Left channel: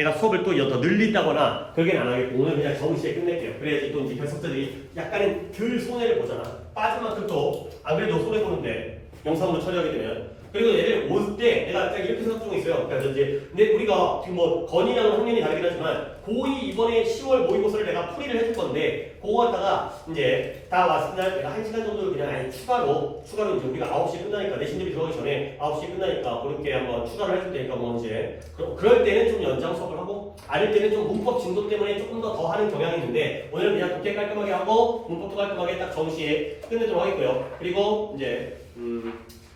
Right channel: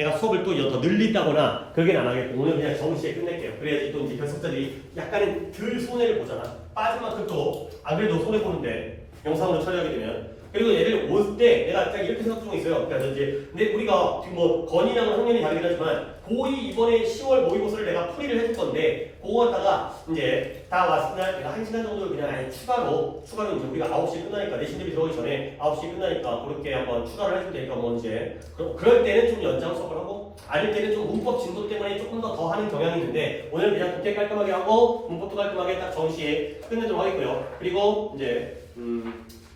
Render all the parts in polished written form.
내가 수업을 또 더 늘린다거나 그러긴 안 하겠고 오늘 그냥 정시에 끝낼게요. 그래야지 또 이제 결석자들이 약간은 덜 손해를 보잖아. 빠진 만큼 또 안 그래도 손해 보는데 영상으로 처리하게 되면. 그리고 얘를 올 때 내가 딱 이렇게 생각 중에 있어요. 그러니까 이제 근데 우리가 지금 뭐 건이랑 학년이 다르긴 하지만 고2 이번에 10월 모의고사를 내가 풀이를 해줄 건데 그거 갖다가 이제 다 왔을 때 내가 1시간 정도 그냥 아예 추가로 이제 우리가 9시에 끝나니까 내신 대비 들어가기 전에 9시에 끝나니까 그렇게 한번 추가를 해줄 테니까 뭐 이제 그럴 때는 좀 연장 수업을 하고 아닐 때는 좀 문법 진도 때문에 조금 더 하는 경향이 있는데 오늘 그냥 독해 깔끔하게 하고 문법도 깔끔하게 딱 정시에 끝내도록 하겠고요. 그리고 이제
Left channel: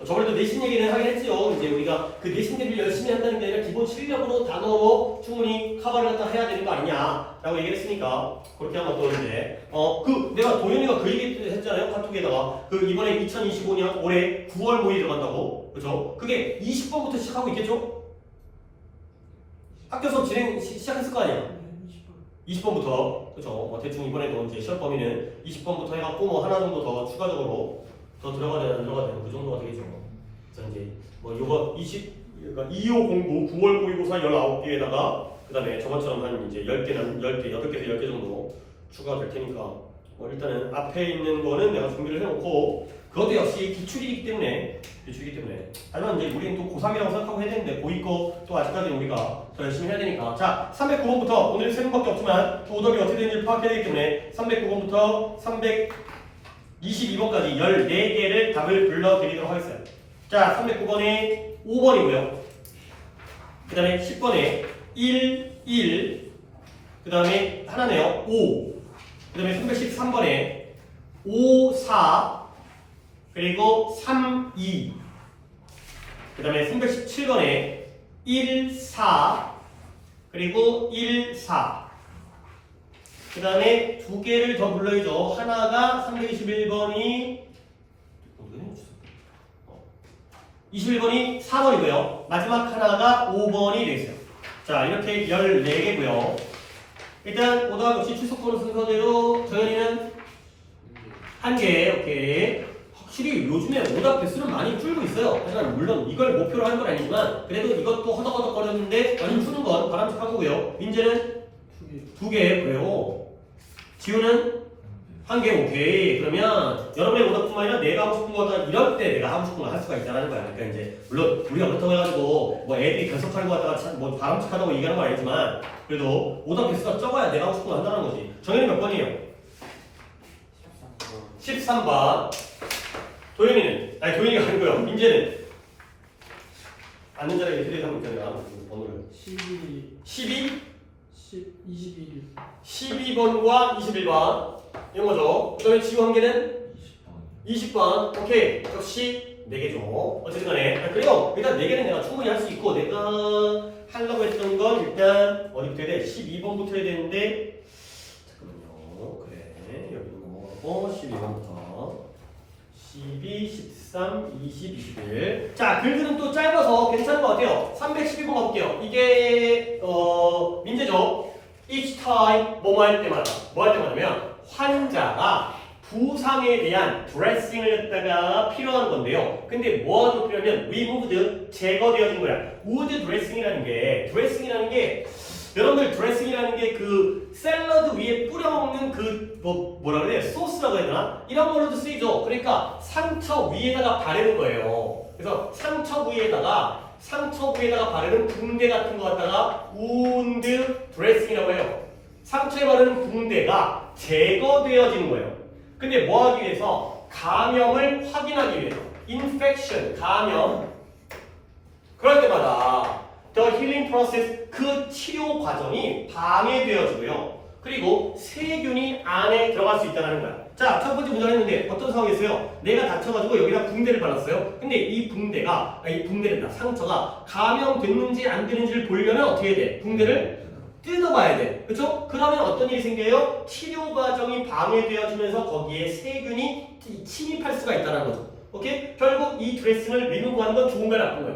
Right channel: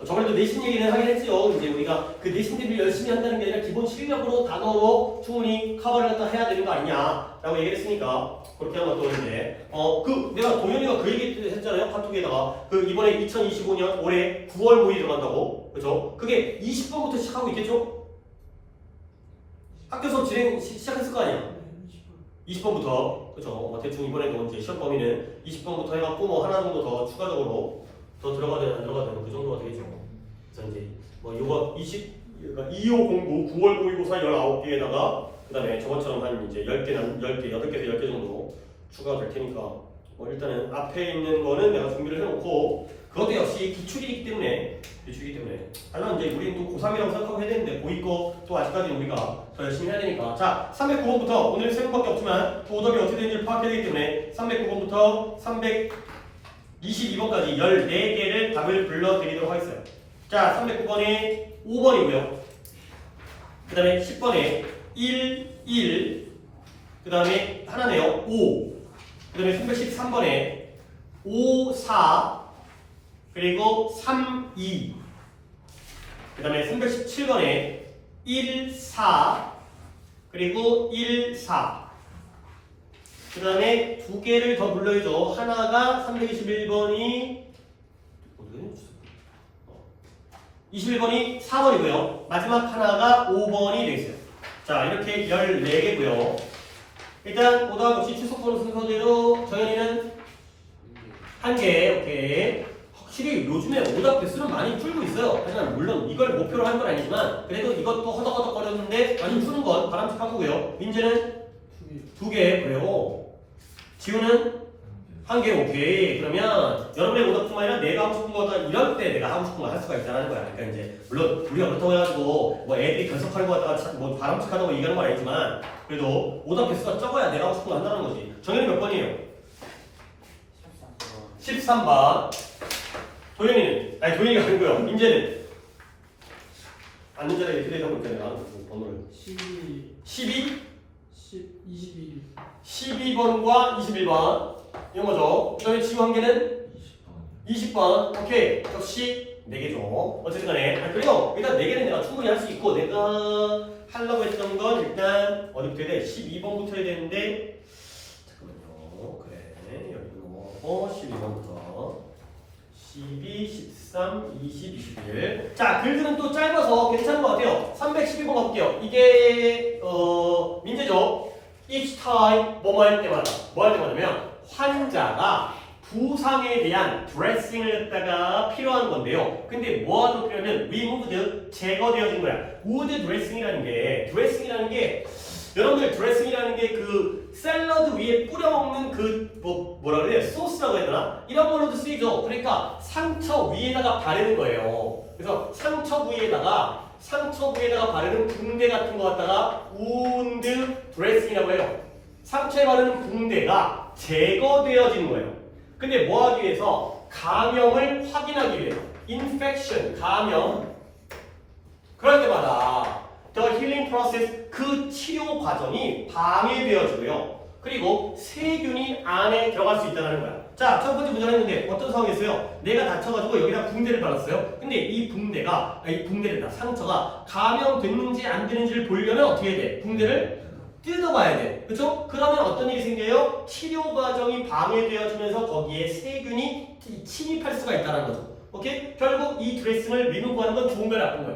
저번에도 내신 얘기는 하긴 했죠. 이제 우리가 그 내신 대비를 열심히 한다는 게 아니라 기본 실력으로 단어로 충분히 커버를 갖다 해야 되는 거 아니냐라고 얘기를 했으니까 그렇게 하면 또 이제 내가 도현이가 그 얘기 했잖아요. 카톡에다가 그 이번에 2025년 올해 9월 모의 들어간다고 그죠? 그게 20번부터 시작하고 있겠죠? 학교 수업 진행 시작했을 거 아니야? 20번부터 그죠? 뭐 대충 이번에도 이제 시험 범위는 20번부터 해갖고 뭐 하나 정도 더 추가적으로 더 들어가든 안 들어가든 그 정도가 되겠죠. 그래서 이제 뭐 요거 25 공부 9월 모의고사 19개에다가 그다음에 저번처럼 한 이제 10개, 8개에서 10개 정도 추가가 될 테니까 뭐 일단은 앞에 있는 거는 내가 준비를 해놓고 그것도 역시 기출이기 때문에 하지만 이제 우리는 또 고3이라고 생각하고 해야 되는데 고2 거또 아직까지 우리가 더 열심히 해야 되니까 자 309번부터 오늘 3번밖에 없지만 또 오답이 어떻게 되는지 파악해야 되기 때문에 309번부터 322번까지 14개를 답을 불러드리도록 하겠어요. 자 309번에 5번이고요. 그 다음에 10번에 1, 그 다음에 하나네요. 5, 그 다음에 313번에 5, 4, 그리고 3, 2, 그 다음에 317번에 1, 4, 그리고 1, 4. 그 다음에 두 개를 더 불러야죠. 하나가 321번이 21번이 4번이고요. 마지막 하나가 5번이 되겠어요. 자, 이렇게 14개고요. 일단 오답 없이 출석번호 순서대로 정현이는 1개, 오케이. 확실히 요즘에 오답 개수를 많이 풀고 있어요. 하지만 물론 이걸 목표로 한 건 아니지만 그래도 이것도 허덕허덕거렸는데 많이 푸는 건 바람직한 거고요. 민재는 2개, 그래요. 지우는 1개, 오케이. 그러면 여러분의 오답뿐만 아니라 내가 하고 싶은 거다 이럴 때 내가 하고 싶은 거 할 수가 있다는 거야. 그러니까 이제 물론 우리가 그렇다고 해가지고 뭐 애들이 결석하는 거 갖다가 뭐 바람직하다고 얘기하는 건 아니지만 그래도 오답 개수가 적어야 내가 하고 싶은 거 한다는 거지. 정현이 몇 번이에요? 13번. 도현이는? 아니 도현이가 아니고요. 민재는? 앉는 자리에 휴대폰 있잖아요. 번호를 12? 21. 12번과 21번 이런 거죠. 그 다음에 지금 한 개는 20번. 오케이. 역시 4개죠. 어쨌든 간에. 그리고 일단 4개는 내가 충분히 할 수 있고 내가 하려고 했던 건 일단 어디부터 해야 돼? 12번부터 해야 되는데 잠깐만요. 그래. 여기는 뭐 12번부터 12, 13, 20, 21. 자, 글들은 또 짧아서 괜찮은 것 같아요. 312번 가볼게요. 이게 민재죠. Each time 뭐뭐 할 때마다 뭐 할 때마다면 환자가 부상에 대한 드레싱을 갖다가 필요한 건데요. 근데 뭐가 필요하면 removed 제거되어진 거야. would 드레싱이라는 게 여러분들 드레싱이라는 게 그 샐러드 위에 뿌려 먹는 그 뭐라 그래? 소스라고 해야 되나? 이런 걸로도 쓰이죠. 그러니까 상처 위에다가 바르는 거예요. 그래서 상처 부위에다가 바르는 붕대 같은 거 갖다가 wound dressing이라고 해요. 상처에 바르는 붕대가 제거되어지는 거예요. 근데 뭐 하기 위해서? 감염을 확인하기 위해서. infection, 감염. 그럴 때마다 the healing process, 그 치료 과정이 방해되어지고요. 그리고 세균이 안에 들어갈 수 있다는 거야. 자, 첫 번째 문제가 했는데 어떤 상황이었어요? 내가 다쳐가지고 여기다 붕대를 발랐어요. 근데 이 붕대된다. 상처가 감염됐는지 안 됐는지를 보려면 어떻게 해야 돼? 붕대를 뜯어봐야 돼. 그렇죠? 그러면 어떤 일이 생겨요? 치료 과정이 방해되어지면서 거기에 세균이 침입할 수가 있다는 거죠. 오케이? 결국 이 드레싱을 리무브하는 건 좋은 거야, 나쁜 거야?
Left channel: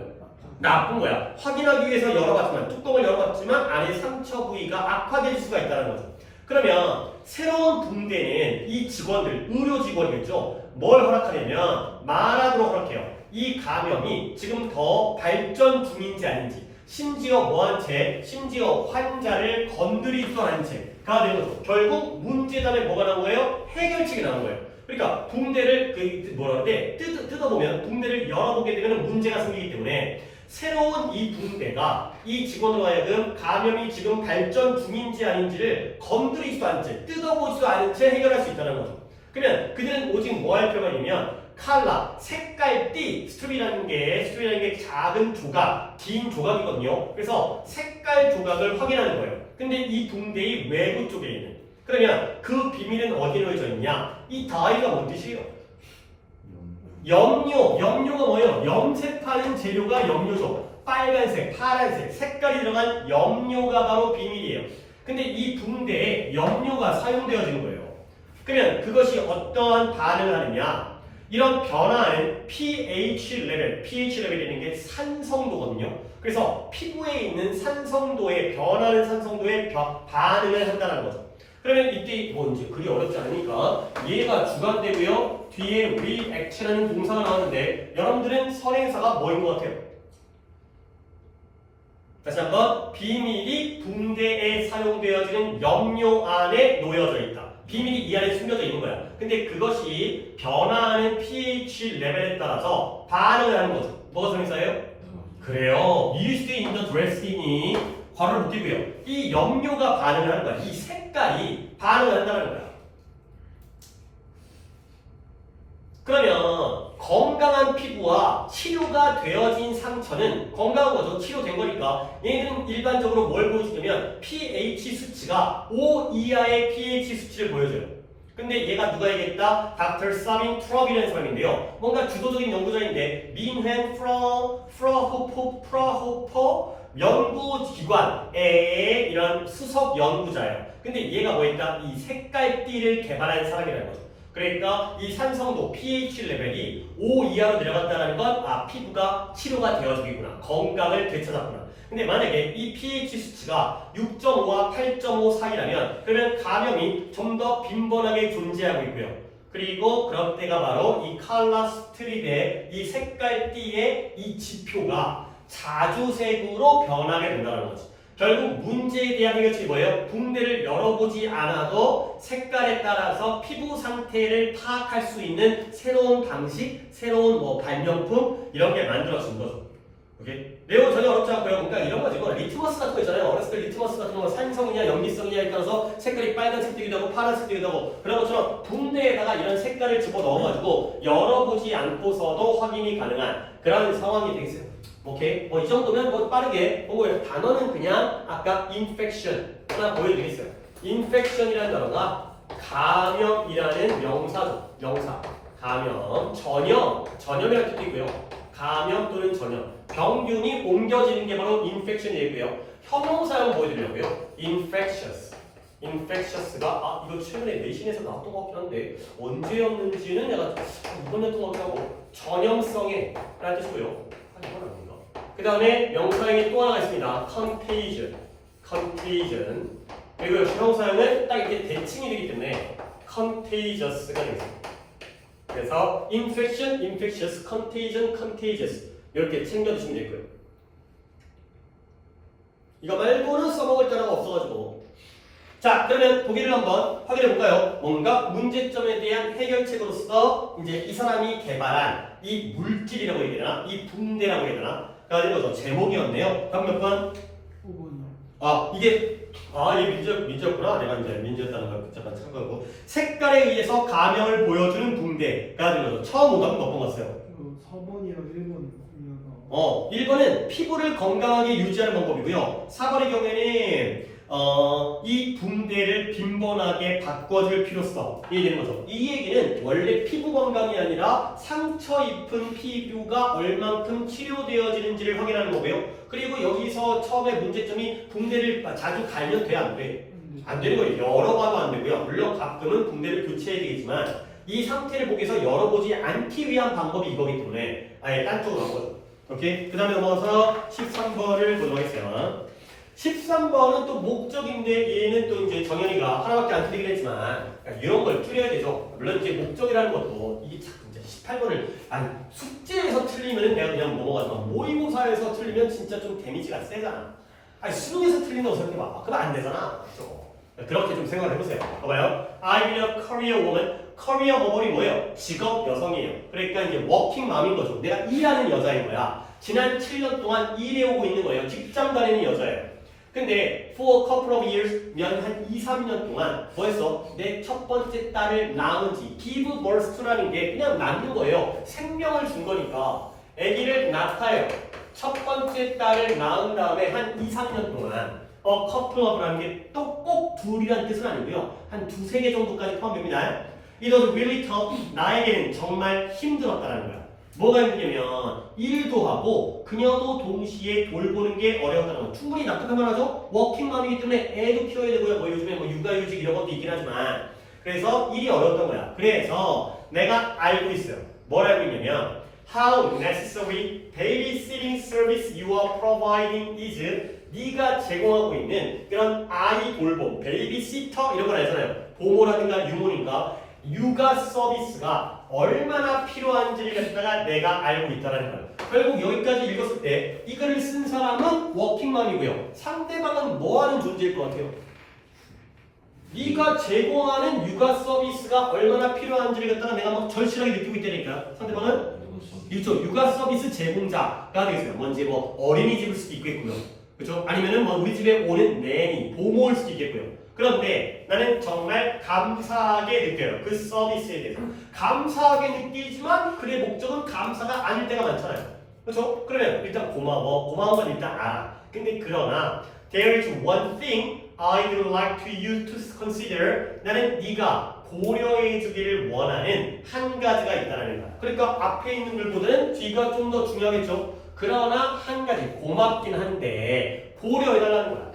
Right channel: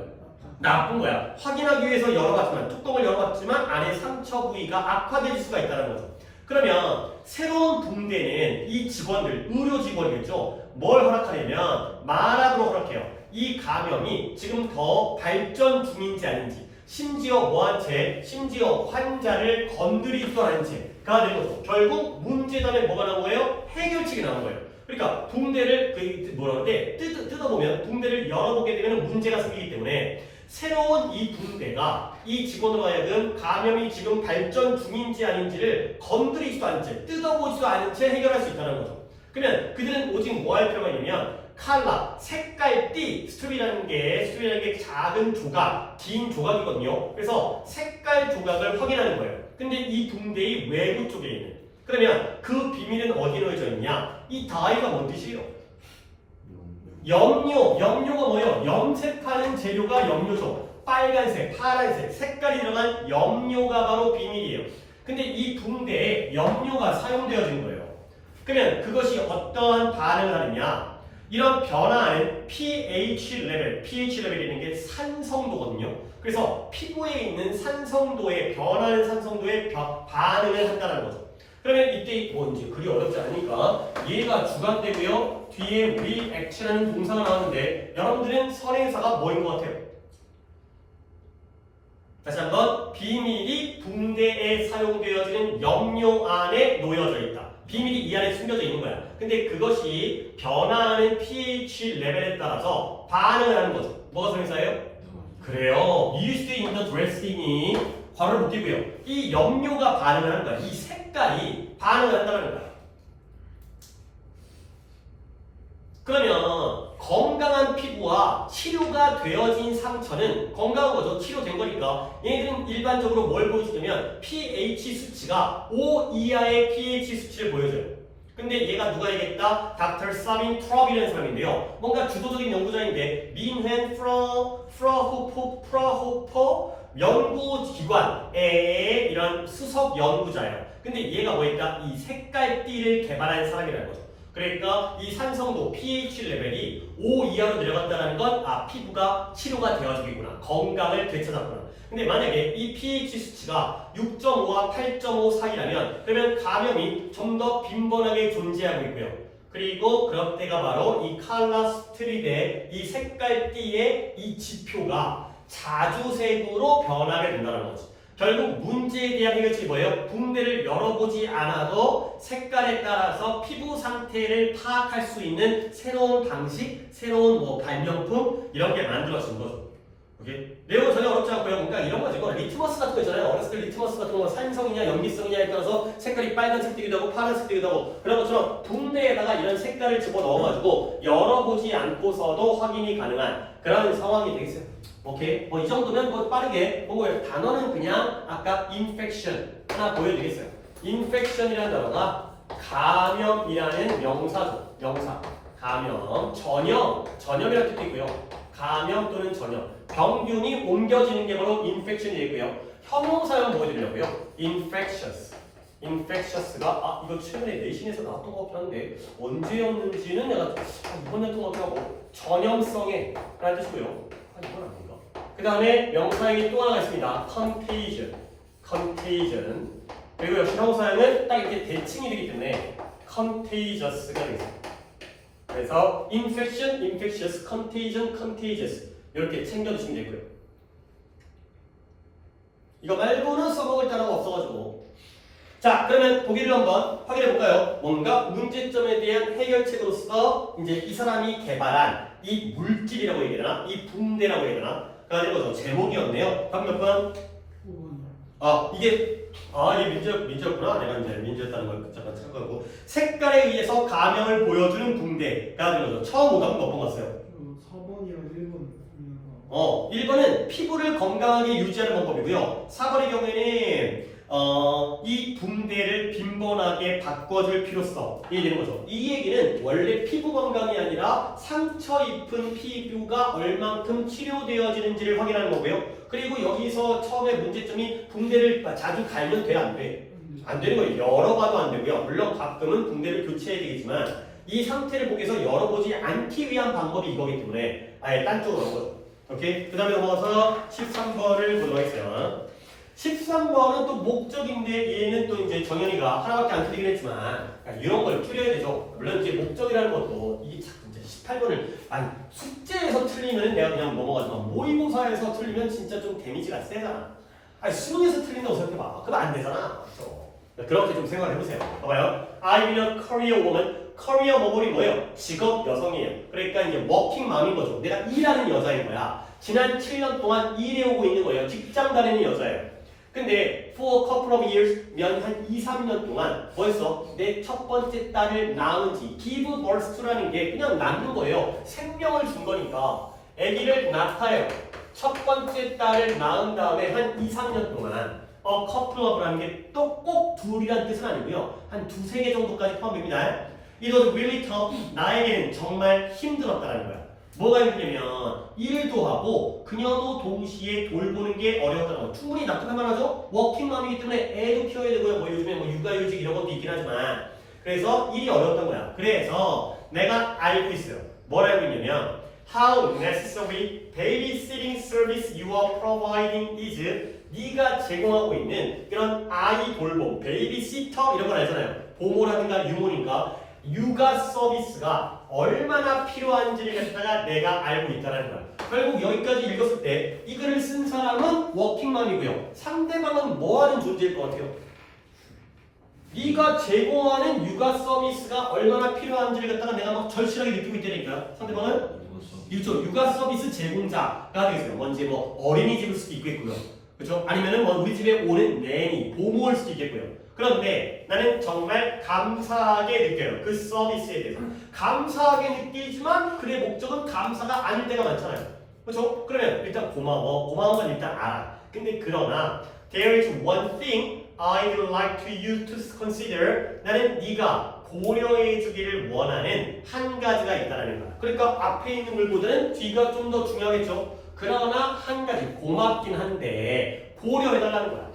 나쁜 거야. 확인하기 위해서 열어봤지만, 뚜껑을 열어봤지만 안에 상처 부위가 악화될 수가 있다는 거죠. 그러면 새로운 붕대는 이 직원들, 의료 직원이겠죠. 뭘 허락하냐면 말하도록 허락해요. 이 감염이 지금 더 발전 중인지 아닌지, 심지어 뭐한 채? 심지어 환자를 건드리지도 않은 채가 되는 거죠. 결국 문제답에 뭐가 나온 거예요? 해결책이 나온 거예요. 그러니까 붕대를 뭐라 그래? 뜯어보면 붕대를 열어보게 되면 문제가 생기기 때문에 새로운 이 붕대가 이 직원으로 하여금 감염이 지금 발전 중인지 아닌지를 건드리지도 않은 채 뜯어보지도 않은 채 해결할 수 있다는 거죠. 그러면 그들은 오직 뭐 할 필요가 있냐면 칼라, 색깔띠, 스트립이라는 게 작은 조각, 긴 조각이거든요. 그래서 색깔 조각을 확인하는 거예요. 근데 이 붕대의 외부 쪽에 있는 그러면 그 비밀은 어디에 놓여져 있냐? 이 다이가 뭔 뜻이에요? 염료가 뭐예요? 염색하는 재료가 염료죠. 빨간색, 파란색, 색깔이 들어간 염료가 바로 비밀이에요. 근데 이 붕대에 염료가 사용되어진 거예요. 그러면 그것이 어떠한 반응을 하느냐? 이런 변화는 pH 레벨이라는 게 산성도거든요. 그래서 피부에 있는 산성도에 변하는 산성도에 반응을 한다는 거죠. 그러면 이때 뭔지 그리 어렵지 않으니까 얘가 주관되고요. 뒤에 react라는 동사가 나오는데 여러분들은 선행사가 뭐인 것 같아요? 다시 한번 비밀이 붕대에 사용되어지는 염료 안에 놓여져 있다. 비밀이 이 안에 숨겨져 있는 거야. 근데 그것이 변화하는 pH 레벨에 따라서 반응을 하는 거죠. 뭐가 선행사예요? 그래요. used in the dressing이 괄호를 묶이고요. 이 염료가 반응을 하는 거야. 이 색깔이 반응을 한다는 거야. 그러면 건강한 피부와 치료가 되어진 상처는 건강한 거죠. 치료된 거니까. 얘는 일반적으로 뭘 보여주냐면 pH 수치가 5 이하의 pH 수치를 보여줘요. 근데 얘가 누가 얘기했다? Dr. Sabin Trupp이라는 사람인데요. 뭔가 주도적인 연구자인데 민헨 프라호퍼 연구기관의 이런 수석 연구자예요. 근데 얘가 뭐 했다? 이 색깔띠를 개발한 사람이라는 거죠. 그러니까 이 산성도 pH 레벨이 5 이하로 내려간다는 건 피부가 치료가 되어지겠구나. 건강을 되찾았구나. 근데 만약에 이 pH 수치가 6.5와 8.5 사이라면 그러면 감염이 좀 더 빈번하게 존재하고 있고요. 그리고 그럴 때가 바로 이 칼라 스트립의 이 색깔띠의 이 지표가 자주색으로 변하게 된다는 거죠. 결국 문제에 대한 해결책이 뭐예요? 붕대를 열어보지 않아도 색깔에 따라서 피부 상태를 파악할 수 있는 새로운 방식, 새로운 발명품 이런 게 만들어진 거죠. 오케이? 내용 전혀 어렵지 않고요. 그러니까 이런 거지. 리트머스 같은 거 있잖아요. 어렸을 때 리트머스 같은 거 산성이냐 염기성이냐에 따라서 색깔이 빨간색 되기도 하고 파란색 되기도 하고 그런 것처럼 붕대에다가 이런 색깔을 집어넣어가지고 열어보지 않고서도 확인이 가능한 그런 상황이 되겠어요. 오케이? 이 정도면 빠르게 보고요. 단어는 그냥 아까 infection 하나 보여드리겠어요. infection이라는 단어가 감염이라는 명사죠. 명사. 감염. 전염이라는 뜻도 있고요. 감염 또는 전염. 병균이 옮겨지는 게 바로 infection이고요. 형용사용 보여드리려고요. infectious가 이거 최근에 내신에서 나왔던 것 같긴 한데 언제였는지는 내가 이번 냈던 것 같기도 하고 전염성에 라는 뜻이고요. 이건 아닌가? 그 다음에 명사형이 또 하나 있습니다. contagion. 그리고 형용사형은 딱 이렇게 대칭이 되기 때문에 contagious가 되겠습니다. 그래서 infection, infectious, contagion, contagious 이렇게 챙겨주시면 되고요. 이거 말고는 써먹을 단어가 없어가지고 자 그러면 보기를 한번 확인해 볼까요? 뭔가 문제점에 대한 해결책으로서 이제 이 사람이 개발한 이 물질이라고 해야 되나? 이 붕대라고 해야 되나? 가지고 제목이었네요. 다음 몇 번? 5번이요. 이게 민지였구나. 내가 이제 민지였다는 걸 잠깐 착각하고 색깔에 의해서 감염을 보여주는 붕대가 되는 거죠. 처음 오답은 몇 번 갔어요? 4번이랑 1번이요. 1번은 피부를 건강하게 유지하는 방법이고요. 4번의 경우에는 이 붕대를 빈번하게 바꿔줄 필요성이 되는 거죠. 이 얘기는 원래 피부 건강이 아니라 상처 입은 피부가 얼만큼 치료되어지는지를 확인하는 거고요. 그리고 여기서 처음에 문제점이 붕대를 자주 갈면 돼? 안 돼? 안 되는 거예요. 열어봐도 안 되고요. 물론 가끔은 붕대를 교체해야 되겠지만 이 상태를 보기 위해서 열어보지 않기 위한 방법이 이거기 때문에 아예 딴 쪽으로 간 거죠. 오케이? 그 다음에 넘어가서 13번을 보도록 하겠어요. 13번은 또 목적인데 얘는 또 이제 정연이가 하나밖에 안 틀리긴 했지만 이런 걸 줄여야 되죠. 물론 이제 목적이라는 것도 이게 참 이제 18번을 아니 숙제에서 틀리면 내가 그냥 넘어가지만 모의고사에서 틀리면 진짜 좀 데미지가 세잖아. 아니 수능에서 틀린다고 생각해봐. 그럼 안 되잖아. 그렇죠? 그렇게 좀 생각을 해보세요. 봐봐요. I will a career woman. 커리어 머머리 뭐예요? 직업 여성이에요. 그러니까 이제 워킹 맘인 거죠. 내가 일하는 여자인 거야. 지난 7년 동안 일해오고 있는 거예요. 직장 다니는 여자예요. 근데 for a couple of years, 한 2, 3년 동안 벌써 내 첫 번째 딸을 낳은 지 give birth to라는 게 그냥 낳는 거예요. 생명을 준 거니까 아기를 낳아요. 첫 번째 딸을 낳은 다음에 한 2, 3년 동안 couple of라는 게 또 꼭 둘이라는 뜻은 아니고요. 한 두세 개 정도까지 포함됩니다. It was really tough. 나에게는 정말 힘들었다는 거야. 뭐가 힘드냐면 일도 하고 그녀도 동시에 돌보는 게 어려웠다는 거야. 충분히 나타나만 하죠. 워킹맘이기 때문에 애도 키워야 되고요. 뭐 요즘에 뭐 육아휴직 이런 것도 있긴 하지만 그래서 일이 어려웠던 거야. 그래서 내가 알고 있어요. 뭘 알고 있냐면 How necessary babysitting service you are providing is 네가 제공하고 있는 그런 아이 돌봄, 베이비시터 이런 걸 알잖아요. 보모라든가 유모니까 육아 서비스가 얼마나 필요한지를 갖다가 내가 알고 있다는 거예요. 결국 여기까지 읽었을 때 이 글을 쓴 사람은 워킹맘이고요. 상대방은 뭐 하는 존재일 것 같아요? 네가 제공하는 육아 서비스가 얼마나 필요한지를 갖다가 내가 막 절실하게 느끼고 있다니까. 상대방은 이쪽 육아 서비스 제공자가 되겠어요. 뭔지 뭐 어린이집일 수도 있겠고요. 그렇죠? 아니면은 뭐 우리 집에 오는 내니, 보모일 수도 있겠고요. 그런데 나는 정말 감사하게 느껴요. 그 서비스에 대해서. 감사하게 느끼지만 그의 목적은 감사가 아닐 때가 많잖아요. 그렇죠? 그러면 일단 고마운 건 일단 알아. 근데 그러나 there is one thing I would like to you to consider. 나는 네가 고려해 주기를 원하는 한 가지가 있다는 거야. 그러니까 앞에 있는 글보다는 뒤가 좀 더 중요하겠죠. 그러나 한 가지 고맙긴 한데 고려해달라는 거야.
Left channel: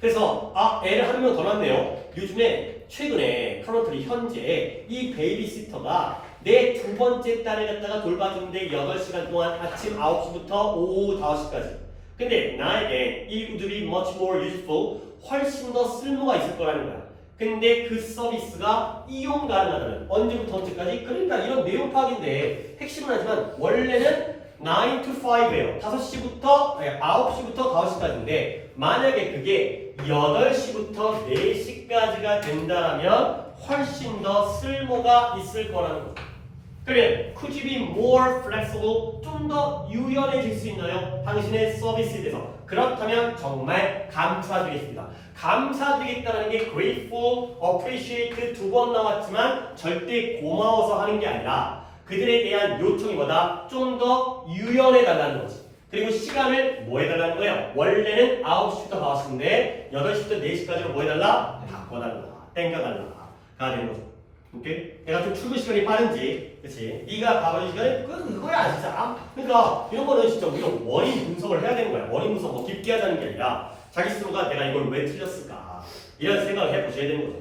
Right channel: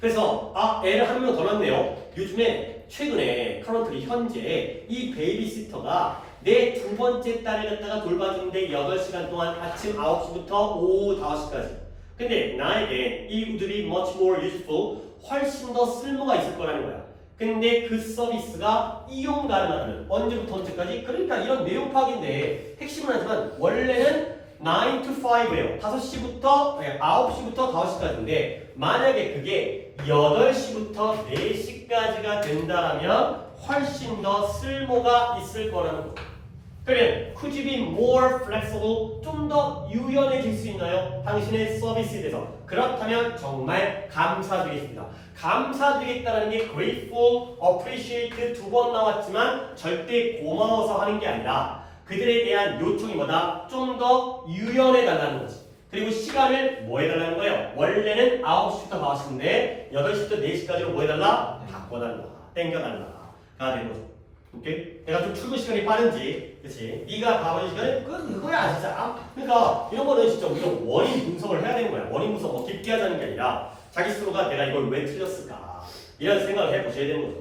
그래서 애를 한 명 더 낳았네요. 요즘에 최근에 커런트리 현재 이 베이비시터가 내 두 번째 딸을 갖다가 돌봐주는데 8시간 동안 아침 9시부터 오후 5시까지. 근데 나에게 이 would be much more useful, 훨씬 더 쓸모가 있을 거라는 거야. 근데 그 서비스가 이용 가능하다는 언제부터 언제까지? 그러니까 이런 내용 파악인데 핵심은 하지만 원래는 9 to 5예요. 5시부터 9시부터 5시까지인데 만약에 그게 8시부터 4시까지가 된다면 훨씬 더 쓸모가 있을 거라는 거죠. 그러면 could you be more flexible? 좀 더 유연해질 수 있나요? 당신의 서비스에 대해서. 그렇다면 정말 감사드리겠습니다. 감사드리겠다는 게 grateful, appreciate 두 번 나왔지만 절대 고마워서 하는 게 아니라 그들에 대한 요청이 뭐다? 좀 더 유연해달라는 거지. 그리고 시간을 뭐 해달라는 거예요? 원래는 9시부터 5시인데 8시부터 4시까지로 뭐 해달라? 바꿔달라. 땡겨달라. 가 되는 거죠. 오케이? 내가 좀 출근 시간이 빠른지, 그치? 네가 가버린 시간이 그거야, 진짜. 그러니까 이런 거는 진짜 우리가 원인 분석을 해야 되는 거야. 원인 분석 뭐 깊게 하자는 게 아니라 자기 스스로가 내가 이걸 왜 틀렸을까? 이런 생각을 해보셔야 되는 거죠.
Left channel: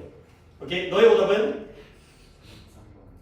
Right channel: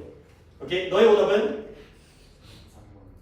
오케이? 너의 오답은?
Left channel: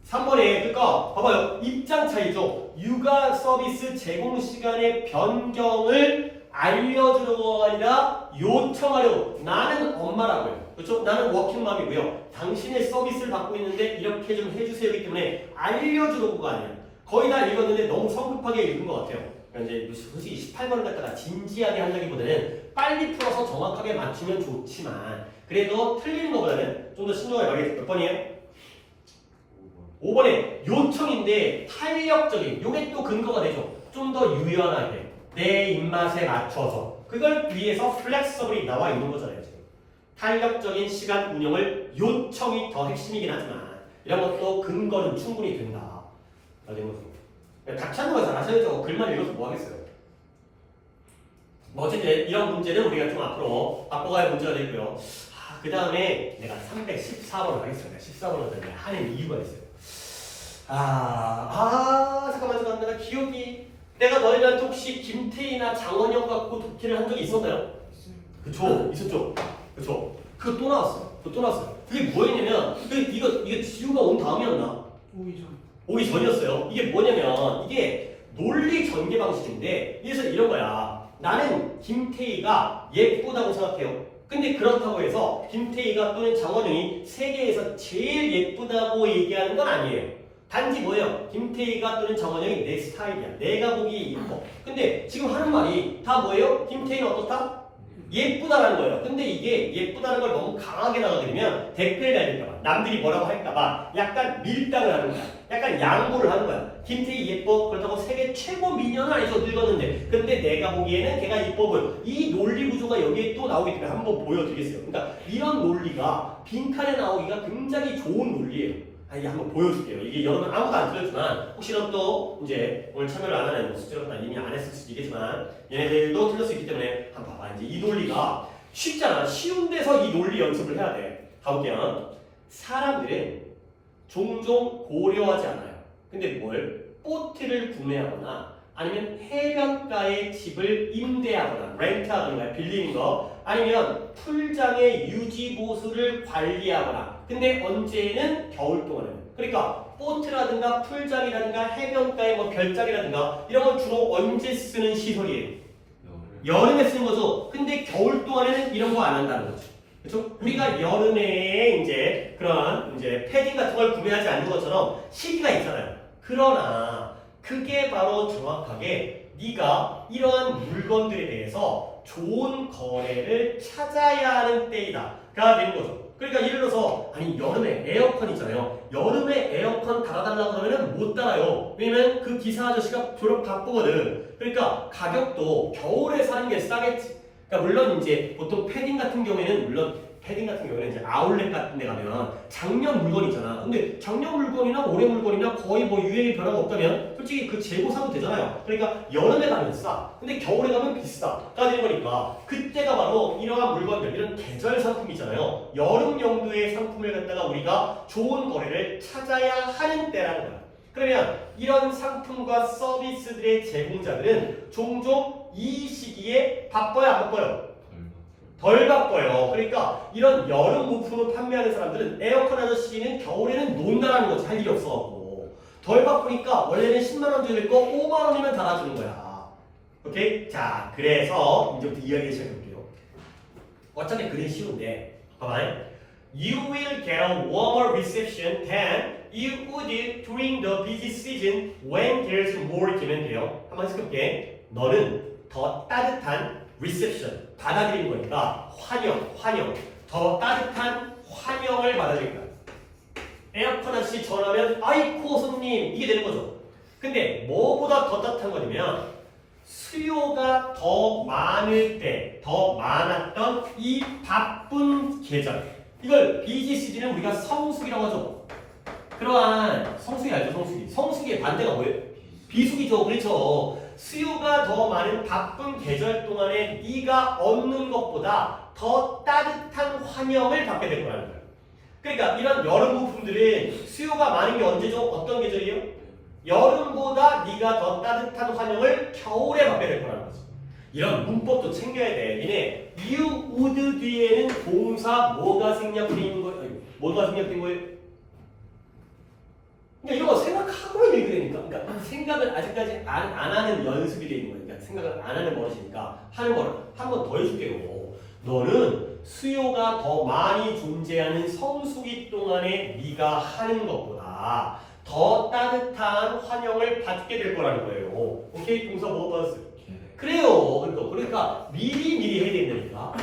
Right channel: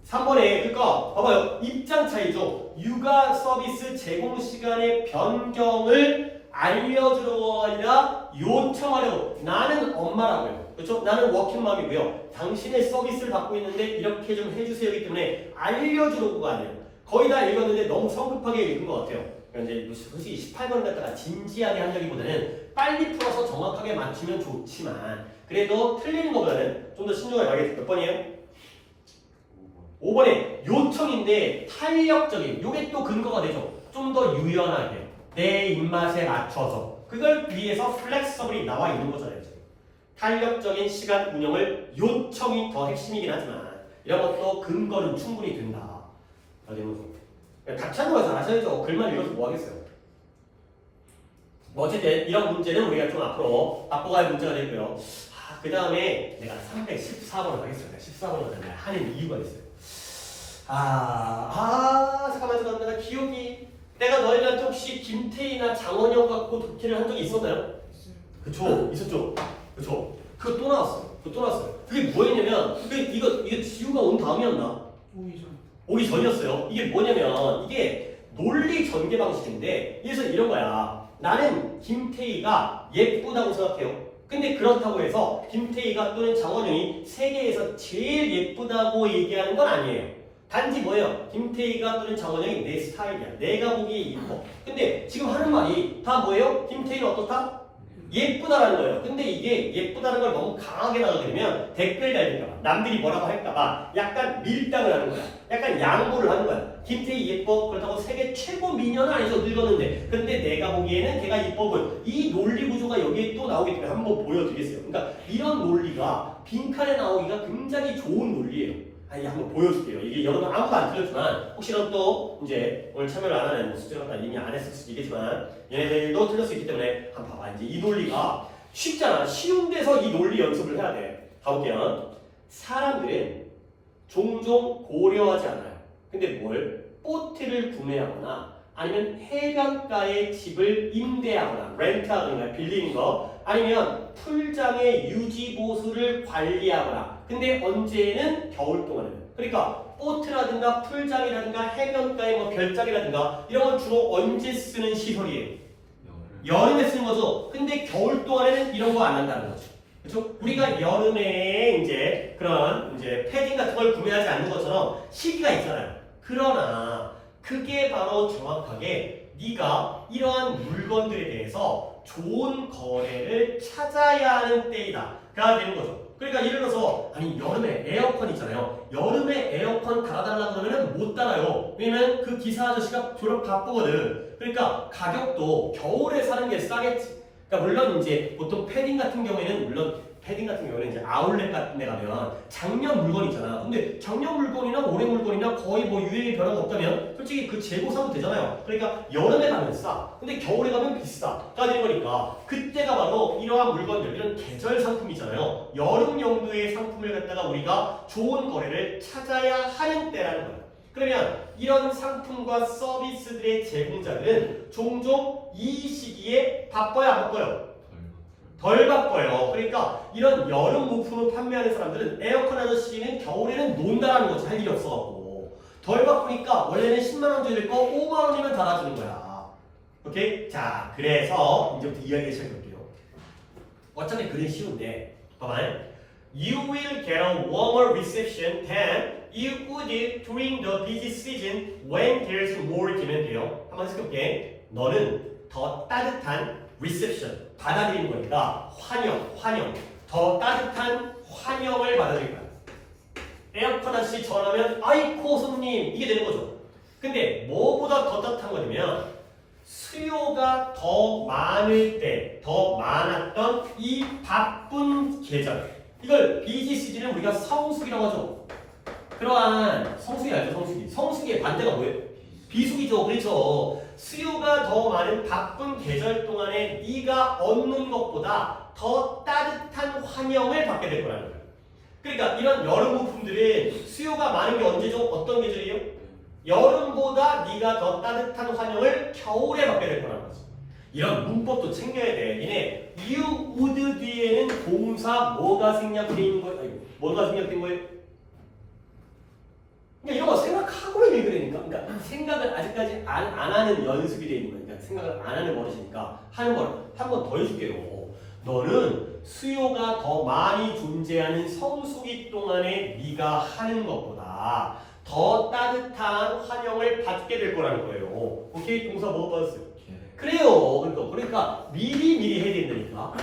3번에 그러니까 봐봐요. 입장 차이죠. 육아 서비스 제공 시간의 변경을 알려주려고 아니라 요청하려고. 나는 엄마라고요. 그렇죠? 나는 워킹맘이고요. 당신의 서비스를 받고 있는데 이렇게 좀 해주세요이기 때문에 알려주려고가 아니에요. 거의 다 읽었는데 너무 성급하게 읽은 것 같아요. 그러니까 이제 솔직히 18번 갖다가 진지하게 한다기보다는 빨리 풀어서 정확하게 맞추면 좋지만 그래도 틀리는 것보다는 좀 더 신중하게 가겠습니다. 몇 번이에요? 5번에 요청인데 탄력적인, 요게 또 근거가 되죠. 좀 더 유연하게 내 입맛에 맞춰서 그걸 위해서 플렉서블이 나와 있는 거잖아요. 지금. 탄력적인 시간 운영을 요청이 더 핵심이긴 하지만 이런 것도 근거는 충분히 된다. 다 찾는 거 잘하셔야죠. 글만 읽어서 뭐 하겠어요. 뭐 어쨌든 이런 문제는 우리가 좀 앞으로 바꿔갈 문제가 되고요. 그 다음에 내가 314번을 하겠습니다. 14번을 하는 이유가 있어요. 잠깐만 내가 기억이 내가 너희들한테 혹시 김태희나 장원영 갖고 독해를 한 적이 있었나요? 그쵸 있었죠. 그쵸 그거 또 나왔어요. 그게 뭐였냐면 이거 지우가 온 다음이었나? 오기 전이었어요. 이게 뭐냐면 이게 논리 전개 방식인데 그래서 이런 거야. 나는 김태희가 예쁘다고 생각해요. 근데 그렇다고 해서 김태희가 또는 장원영이 세계에서 제일 예쁘다고 얘기하는 건 아니에요. 단지 뭐예요? 김태희가 또는 정원영이 내 스타일이야. 내가 보기에 이뻐. 근데 지금 하는 말이 다 뭐예요? 김태희는 어떻다? 예쁘다라는 거예요. 근데 이게 예쁘다는 걸 너무 강하게 나가버리면 댓글 달릴까봐, 남들이 뭐라고 할까봐 약간 밀당을 하는 거야. 약간 양보를 하는 거야. 김태희 예뻐. 그렇다고 세계 최고 미녀는 아니죠. 늙었는데. 근데 내가 보기에는 걔가 예뻐 보여. 이 논리 구조가 여기에 또 나오기 때문에 한번 보여드리겠어요. 그러니까 이런 논리가 빈칸에 나오기가 굉장히 좋은 논리예요. 아니 한번 보여줄게요. 이게 여러분 아무도 안 틀렸지만 혹시라도 또 이제 오늘 참여를 안 하는 숙제가 이미 안 했을 수도 있겠지만 얘네들도 틀릴 수 있기 때문에 한번 봐봐. 이제 이 논리가 쉽잖아. 쉬운 데서 이 논리 연습을 해야 돼. 가볼게요. 사람들은 종종 고려하지 않아요. 근데 뭘? 보트를 구매하거나 아니면 해변가에 집을 임대하거나 렌트하거나 빌리는 거 아니면 풀장의 유지 보수를 관리하거나 근데 언제는 겨울 동안에는 그러니까 보트라든가 풀장이라든가 해변가에 뭐 별장이라든가 이런 건 주로 언제 쓰는 시설이에요? 여름에 쓰는 거죠. 근데 겨울 동안에는 이런 거 안 한다는 거죠. 그렇죠? 우리가 여름에 이제 그런 이제 패딩 같은 걸 구매하지 않는 것처럼 시기가 있잖아요. 그러나 그게 바로 정확하게 네가 이러한 물건들에 대해서 좋은 거래를 찾아야 하는 때이다가 되는 거죠. 그러니까 예를 들어서 아니 여름에 에어컨 있잖아요. 여름에 에어컨 달아달라고 그러면 못 달아요. 왜냐면 그 기사 아저씨가 졸업 바쁘거든. 그러니까 가격도 겨울에 사는 게 싸겠지. 그러니까 물론 이제 보통 패딩 같은 경우에는 이제 아울렛 같은 데 가면 작년 물건 있잖아. 근데 작년 물건이나 올해 물건이나 거의 뭐 유행이 변화가 없다면 솔직히 그 재고 사도 되잖아요. 그러니까 여름에 가면 싸. 근데 겨울에 가면 비싸가 되는 거니까 그때가 바로 이러한 물건들, 이런 계절 상품이잖아요. 여름 용도의 상품을 갖다가 우리가 좋은 거래를 찾아야 하는 때라는 거예요. 그러면 이런 상품과 서비스들의 제공자들은 종종 이 시기에 바빠요, 안 바빠요? 덜 바빠요. 그러니까 이런 여름 물품을 판매하는 사람들은 에어컨 아저씨는 겨울에는 논다라는 거지. 할 일이 없어갖고 덜 바쁘니까 원래는 10만 원 줘야 될 거 5만 원이면 달아주는 거야. 오케이? 자, 그래서 이제부터 이야기 시작해볼게요. 어차피 그림 쉬운데 봐봐요. You will get a warmer reception than you would during the busy season when there's more 기면 돼요. 한번 해볼게. 너는 더 따뜻한 reception 받아들이는 거니까 환영 더 따뜻한 환영을 받아들일 거야. 에어컨 아저씨 전화하면 아이코 손님 이게 되는 거죠. 근데 뭐보다 더 따뜻한 거냐면 수요가 더 많을 때 더 많았던 이 바쁜 계절 이걸 비지 시즌은 우리가 성수기라고 하죠. 그러한 성수기 알죠? 성수기의 반대가 뭐예요? 비수기죠. 그렇죠. 수요가 더 많은 바쁜 계절 동안에 네가 얻는 것보다 더 따뜻한 환영을 받게 될 거라는 거예요. 그러니까 이런 여름 부품들은 수요가 많은 게 언제죠? 어떤 계절이에요? 여름보다 네가 더 따뜻한 환영을 겨울에 받게 될 거라는 거죠. 이런 문법도 챙겨야 돼. 얘네 you would 뒤에는 동사 뭐가 생략되어 있는 거예요? 뭐가 생략된 거예요? 그러니까 이런 거 생각하고 읽으니까 그러니까 생각을 아직까지 안 하는 연습이 되어 있는 거예요. 그러니까 생각을 안 하는 버릇이니까 하는 걸 한 번 더 해줄게요. 너는 수요가 더 많이 존재하는 성수기 동안에 네가 하는 것보다 더 따뜻한 환영을 받게 될 거라는 거예요. 오케이? 동사 뭐 받았어요? 그래요. 그러니까 미리 해야 된다니까.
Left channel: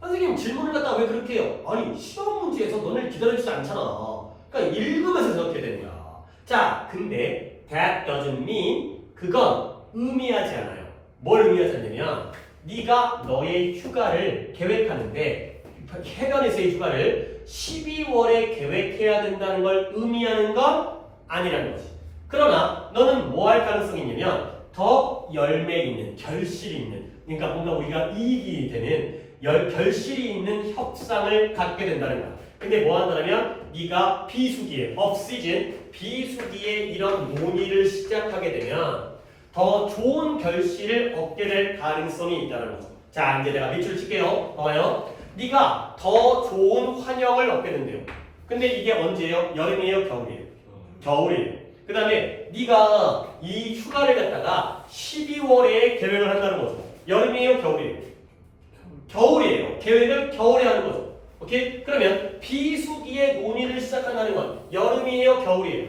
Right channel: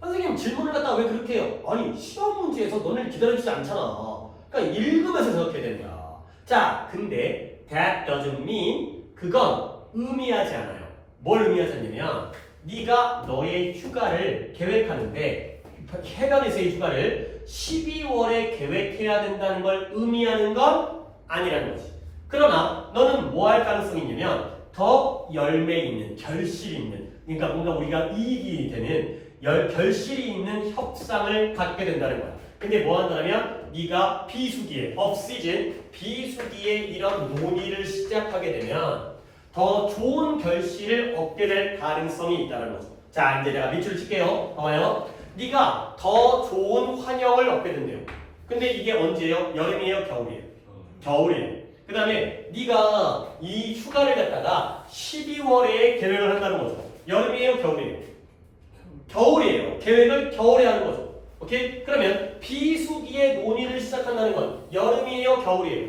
선생님 질문을 갖다가 왜 그렇게 해요? 아니 시험 문제에서 너네를 기다려주지 않잖아. 그러니까 읽으면서 그렇게 되는 거야. 자, 근데 that doesn't mean 그건 의미하지 않아요. 뭘 의미하지 않냐면 네가 너의 휴가를 계획하는데 해변에서의 휴가를 12월에 계획해야 된다는 걸 의미하는 건 아니라는 거지. 그러나 너는 뭐 할 가능성이 있냐면 더 열매 있는, 결실이 있는 그러니까 뭔가 우리가 이익이 되는 결실이 있는 협상을 갖게 된다는 거야. 근데 뭐 한다면 네가 비수기에, off-season, 비수기에 이런 논의를 시작하게 되면 더 좋은 결실을 얻게 될 가능성이 있다는 거죠. 자, 이제 내가 밑줄을 칠게요. 봐봐요. 네가 더 좋은 환영을 얻게 된대요. 근데 이게 언제예요? 여름이에요? 겨울이에요? 겨울이에요. 그 다음에 네가 이 휴가를 갖다가 12월에 계획을 한다는 거죠. 여름이에요? 겨울이에요? 겨울이에요. 계획을 겨울에 하는 거죠. 오케이? 그러면 비수기에 논의를 시작한다는 건 여름이에요? 겨울이에요?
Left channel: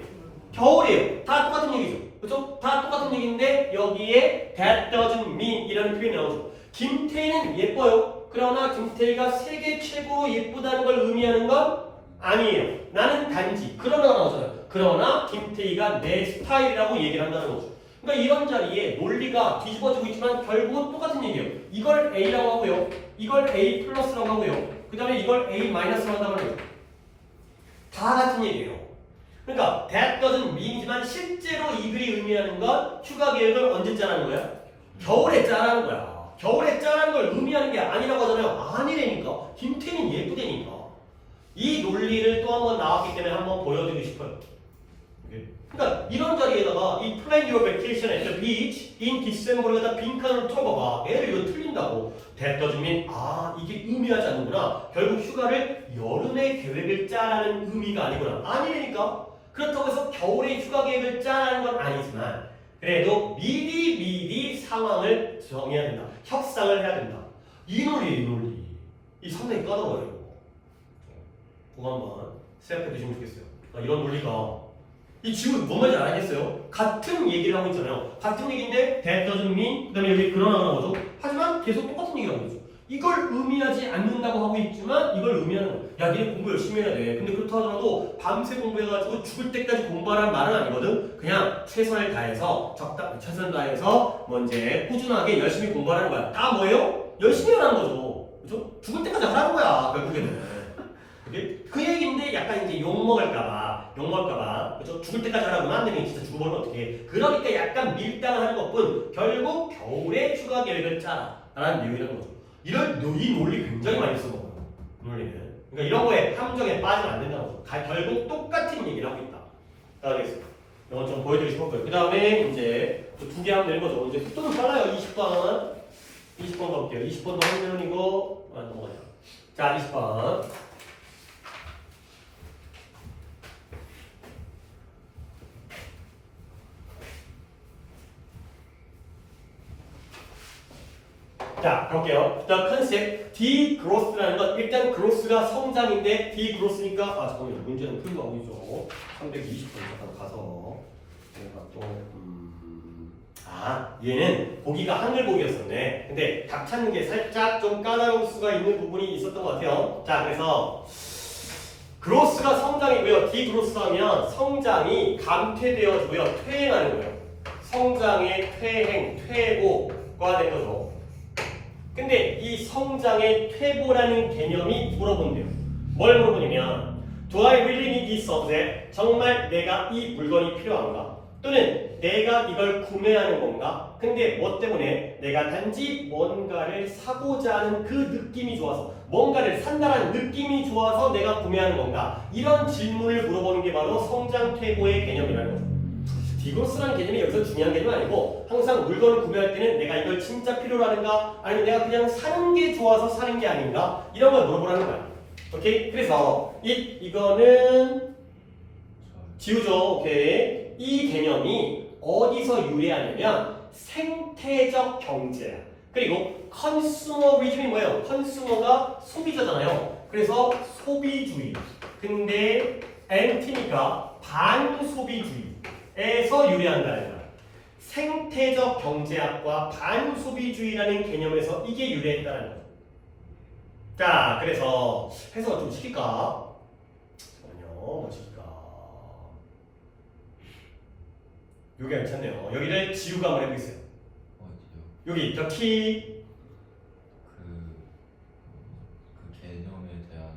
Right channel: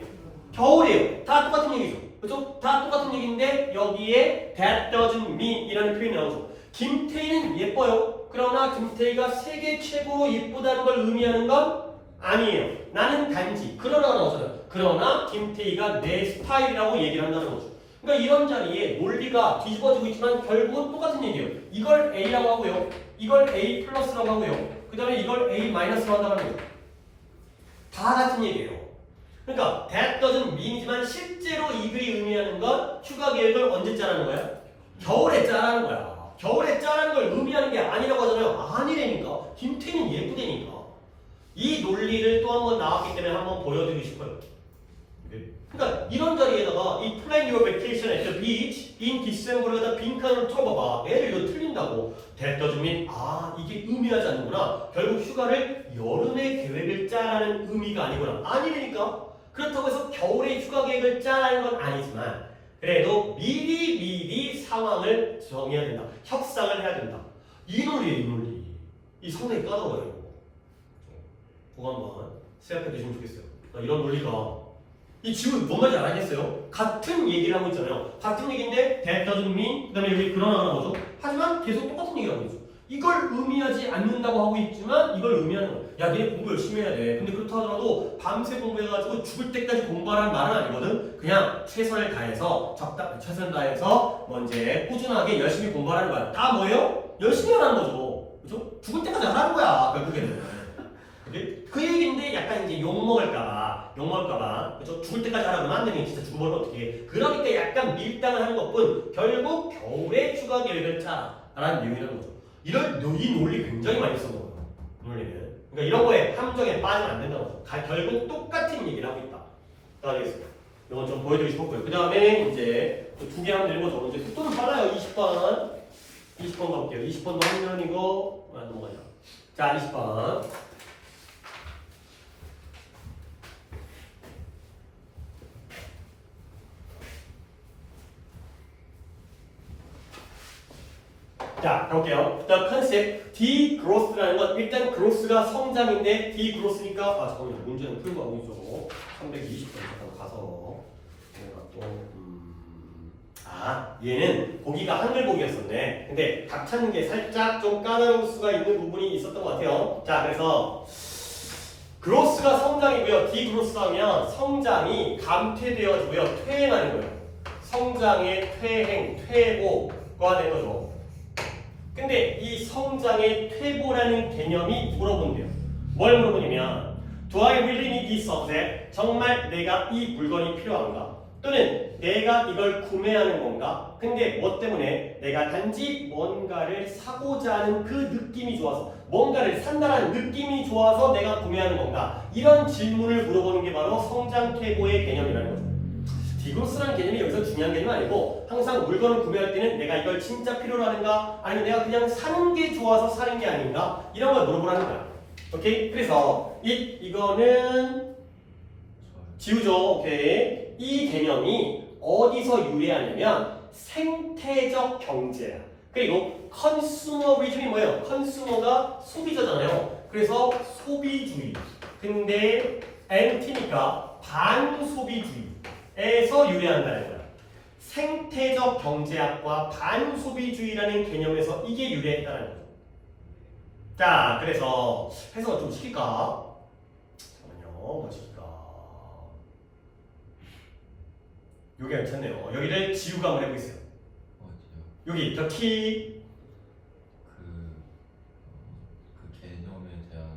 겨울이에요. 다 똑같은 얘기죠. 그죠? 다 똑같은 얘기인데 여기에 that doesn't mean 이라는 표현이 나오죠. 김태희는 예뻐요. 그러나 김태희가 세계 최고로 예쁘다는 걸 의미하는 건 아니에요. 나는 단지 그러나가 나오잖아요. 그러나 김태희가 내 스타일이라고 얘기를 한다는 거죠. 그러니까 이런 자리에 논리가 뒤집어지고 있지만 결국은 똑같은 얘기예요. 이걸 A라고 하고요. 이걸 A 플러스라고 하고요. 그 다음에 이걸 A 마이너스라고 한다는 거예요. 다 같은 얘기예요. 그러니까 that doesn't mean이지만 실제로 이 글이 의미하는 건 휴가 계획을 언제 짜라는 거야? 겨울에 짜라는 거야. 겨울에 짜라는 걸 의미하는 게 아니라고 하잖아요. 아니라니까. 김태희는 예쁘다니까. 이 논리를 또 한 번 나왔기 때문에 한번 보여드리고 싶어요. 그러니까 이런 자리에다가 이 plan your vacation at the beach in December에다 빈칸으로 쳐봐봐. 얘를 이거 틀린다고. that doesn't mean 이게 의미하지 않는구나. 결국 휴가를 여름에 계획을 짜라는 의미가 아니구나. 아니라니까. 그렇다고 해서 겨울에 휴가 계획을 짜라는 건 아니지만 그래도 미리 상황을 정해야 된다. 협상을 해야 된다. 이 논리예요, 이 논리. 이 상당히 까다로워요. 그거 한번 생각해 두시면 좋겠어요. 이런 논리가 이 지금 뭔 말인지 알아야겠어요? 같은 얘기를 하고 있잖아요. 같은 얘기인데 that doesn't mean 그 다음에 여기 그러나라는 거죠. 하지만 계속 똑같은 얘기를 하고 있죠. 이걸 의미하지 않는다고 하고 있지만 이걸 의미하는 거예요. 야, 니네 공부 열심히 해야 돼. 근데 그렇다 하더라도 밤새 공부해가지고 죽을 때까지 공부하라는 말은 아니거든. 그냥 최선을 다해서 최선을 다해서 뭐 이제 꾸준하게 열심히 공부하라는 거야. 다 뭐예요? 열심히 하라는 거죠. 그죠? 죽을 때까지 하라는 거야. 결국에는. 그 얘기인데 약간 이제 욕먹을까봐, 그죠? 죽을 때까지 하라고 안 되면 진짜 죽어버리면 어떡해. 그러니까 약간 밀당을 하는 것뿐 결국 겨울에 휴가 계획을 짜라는 내용이라는 거죠. 이 논리 굉장히 많이 써먹어요. 논리는. 그러니까 이런 거에 함정에 빠지면 안 된다는 거죠. 결국 똑같은 얘기를 하고 있다. 자, 알겠습니다. 이건 좀 보여드리고 싶었고요. 그 다음에 이제 또 2개 하면 되는 거죠. 이제 속도는 빨라요. 20번 가볼게요. 20번도 학년이고, 넘어가자. 자, 20번. 자, 가볼게요. The concept, degrowth라는 건 일단 growth가 성장인데 degrowth니까 잠깐만요. 문제는 풀고 가고 있죠. 320번 잠깐 가서 내가 또 얘는 보기가 한글 보기였었네. 근데 답 찾는 게 살짝 좀 까다로울 수가 있는 부분이 있었던 것 같아요. 자, 그래서 growth가 성장이고요. degrowth 하면 성장이 감퇴되어지고요. 퇴행하는 거예요. 성장의 퇴보가 된 거죠. 근데 이 성장의 퇴보라는 개념이 물어본대요. 뭘 물어보냐면 Do I really need this object? 정말 내가 이 물건이 필요한가? 또는 내가 이걸 구매하는 건가? 근데 뭐 때문에? 내가 단지 뭔가를 사고자 하는 그 느낌이 좋아서 뭔가를 산다라는 느낌이 좋아서 내가 구매하는 건가? 이런 질문을 물어보는 게 바로 성장 퇴보의 개념이라는 거죠. 디그로스라는 개념이 여기서 중요한 개념이 아니고 항상 물건을 구매할 때는 내가 이걸 진짜 필요로 하는가 아니면 내가 그냥 사는 게 좋아서 사는 게 아닌가 이런 걸 물어보라는 거야. 오케이? 그래서 이거는 지우죠. 오케이? 이 개념이 어디서 유래하냐면 생태적 경제야. 그리고 컨슈머리즘이 뭐예요? 컨슈머가 소비자잖아요. 그래서 소비주의. 근데 엔티니까 반소비주의. 에서 유래한다는 거야. 생태적 경제학과 반소비주의라는 개념에서 이게 유래했다는 거야. 자, 그래서 해석을 좀 시킬까? 잠깐만요. 뭐 시킬까? 여기 괜찮네요. 여기를 지우가 한번 해보세요. 어디요? 여기 the key 그 개념에 대한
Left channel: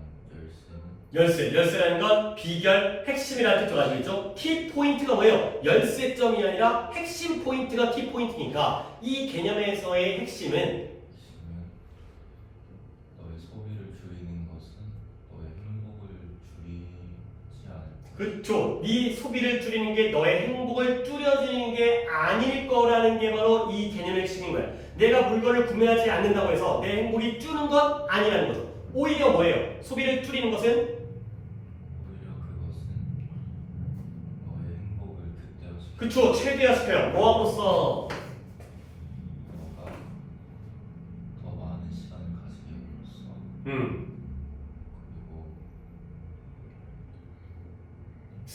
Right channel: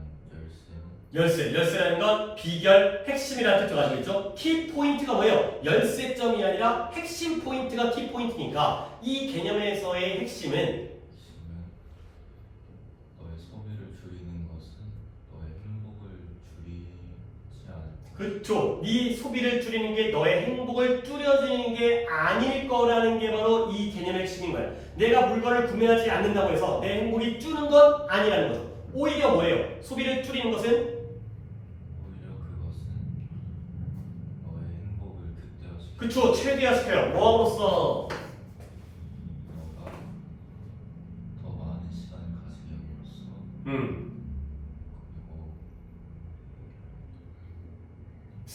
열쇠는? 열쇠라는 건 비결, 핵심이라는 뜻을 가지고 있죠. 키 포인트가 뭐예요? 열쇠점이 아니라 핵심 포인트가 키 포인트니까 이 개념에서의 핵심은 너의 소비를 줄이는 것은 너의 행복을 줄이지 않고 그렇죠. 네 소비를 줄이는 게 너의 행복을 줄여주는 게 아닐 거라는 게 바로 이 개념의 핵심인 거야. 내가 물건을 구매하지 않는다고 해서 내 행복이 줄는 건 아니라는 거죠. 오히려 뭐예요? 소비를 줄이는 것은 오히려 그것은 너의 행복을 극대화시키고 그쵸. 최대화시켜요. 뭐함으로써 너가 더 많은 시간을 가지게 함으로써 그리고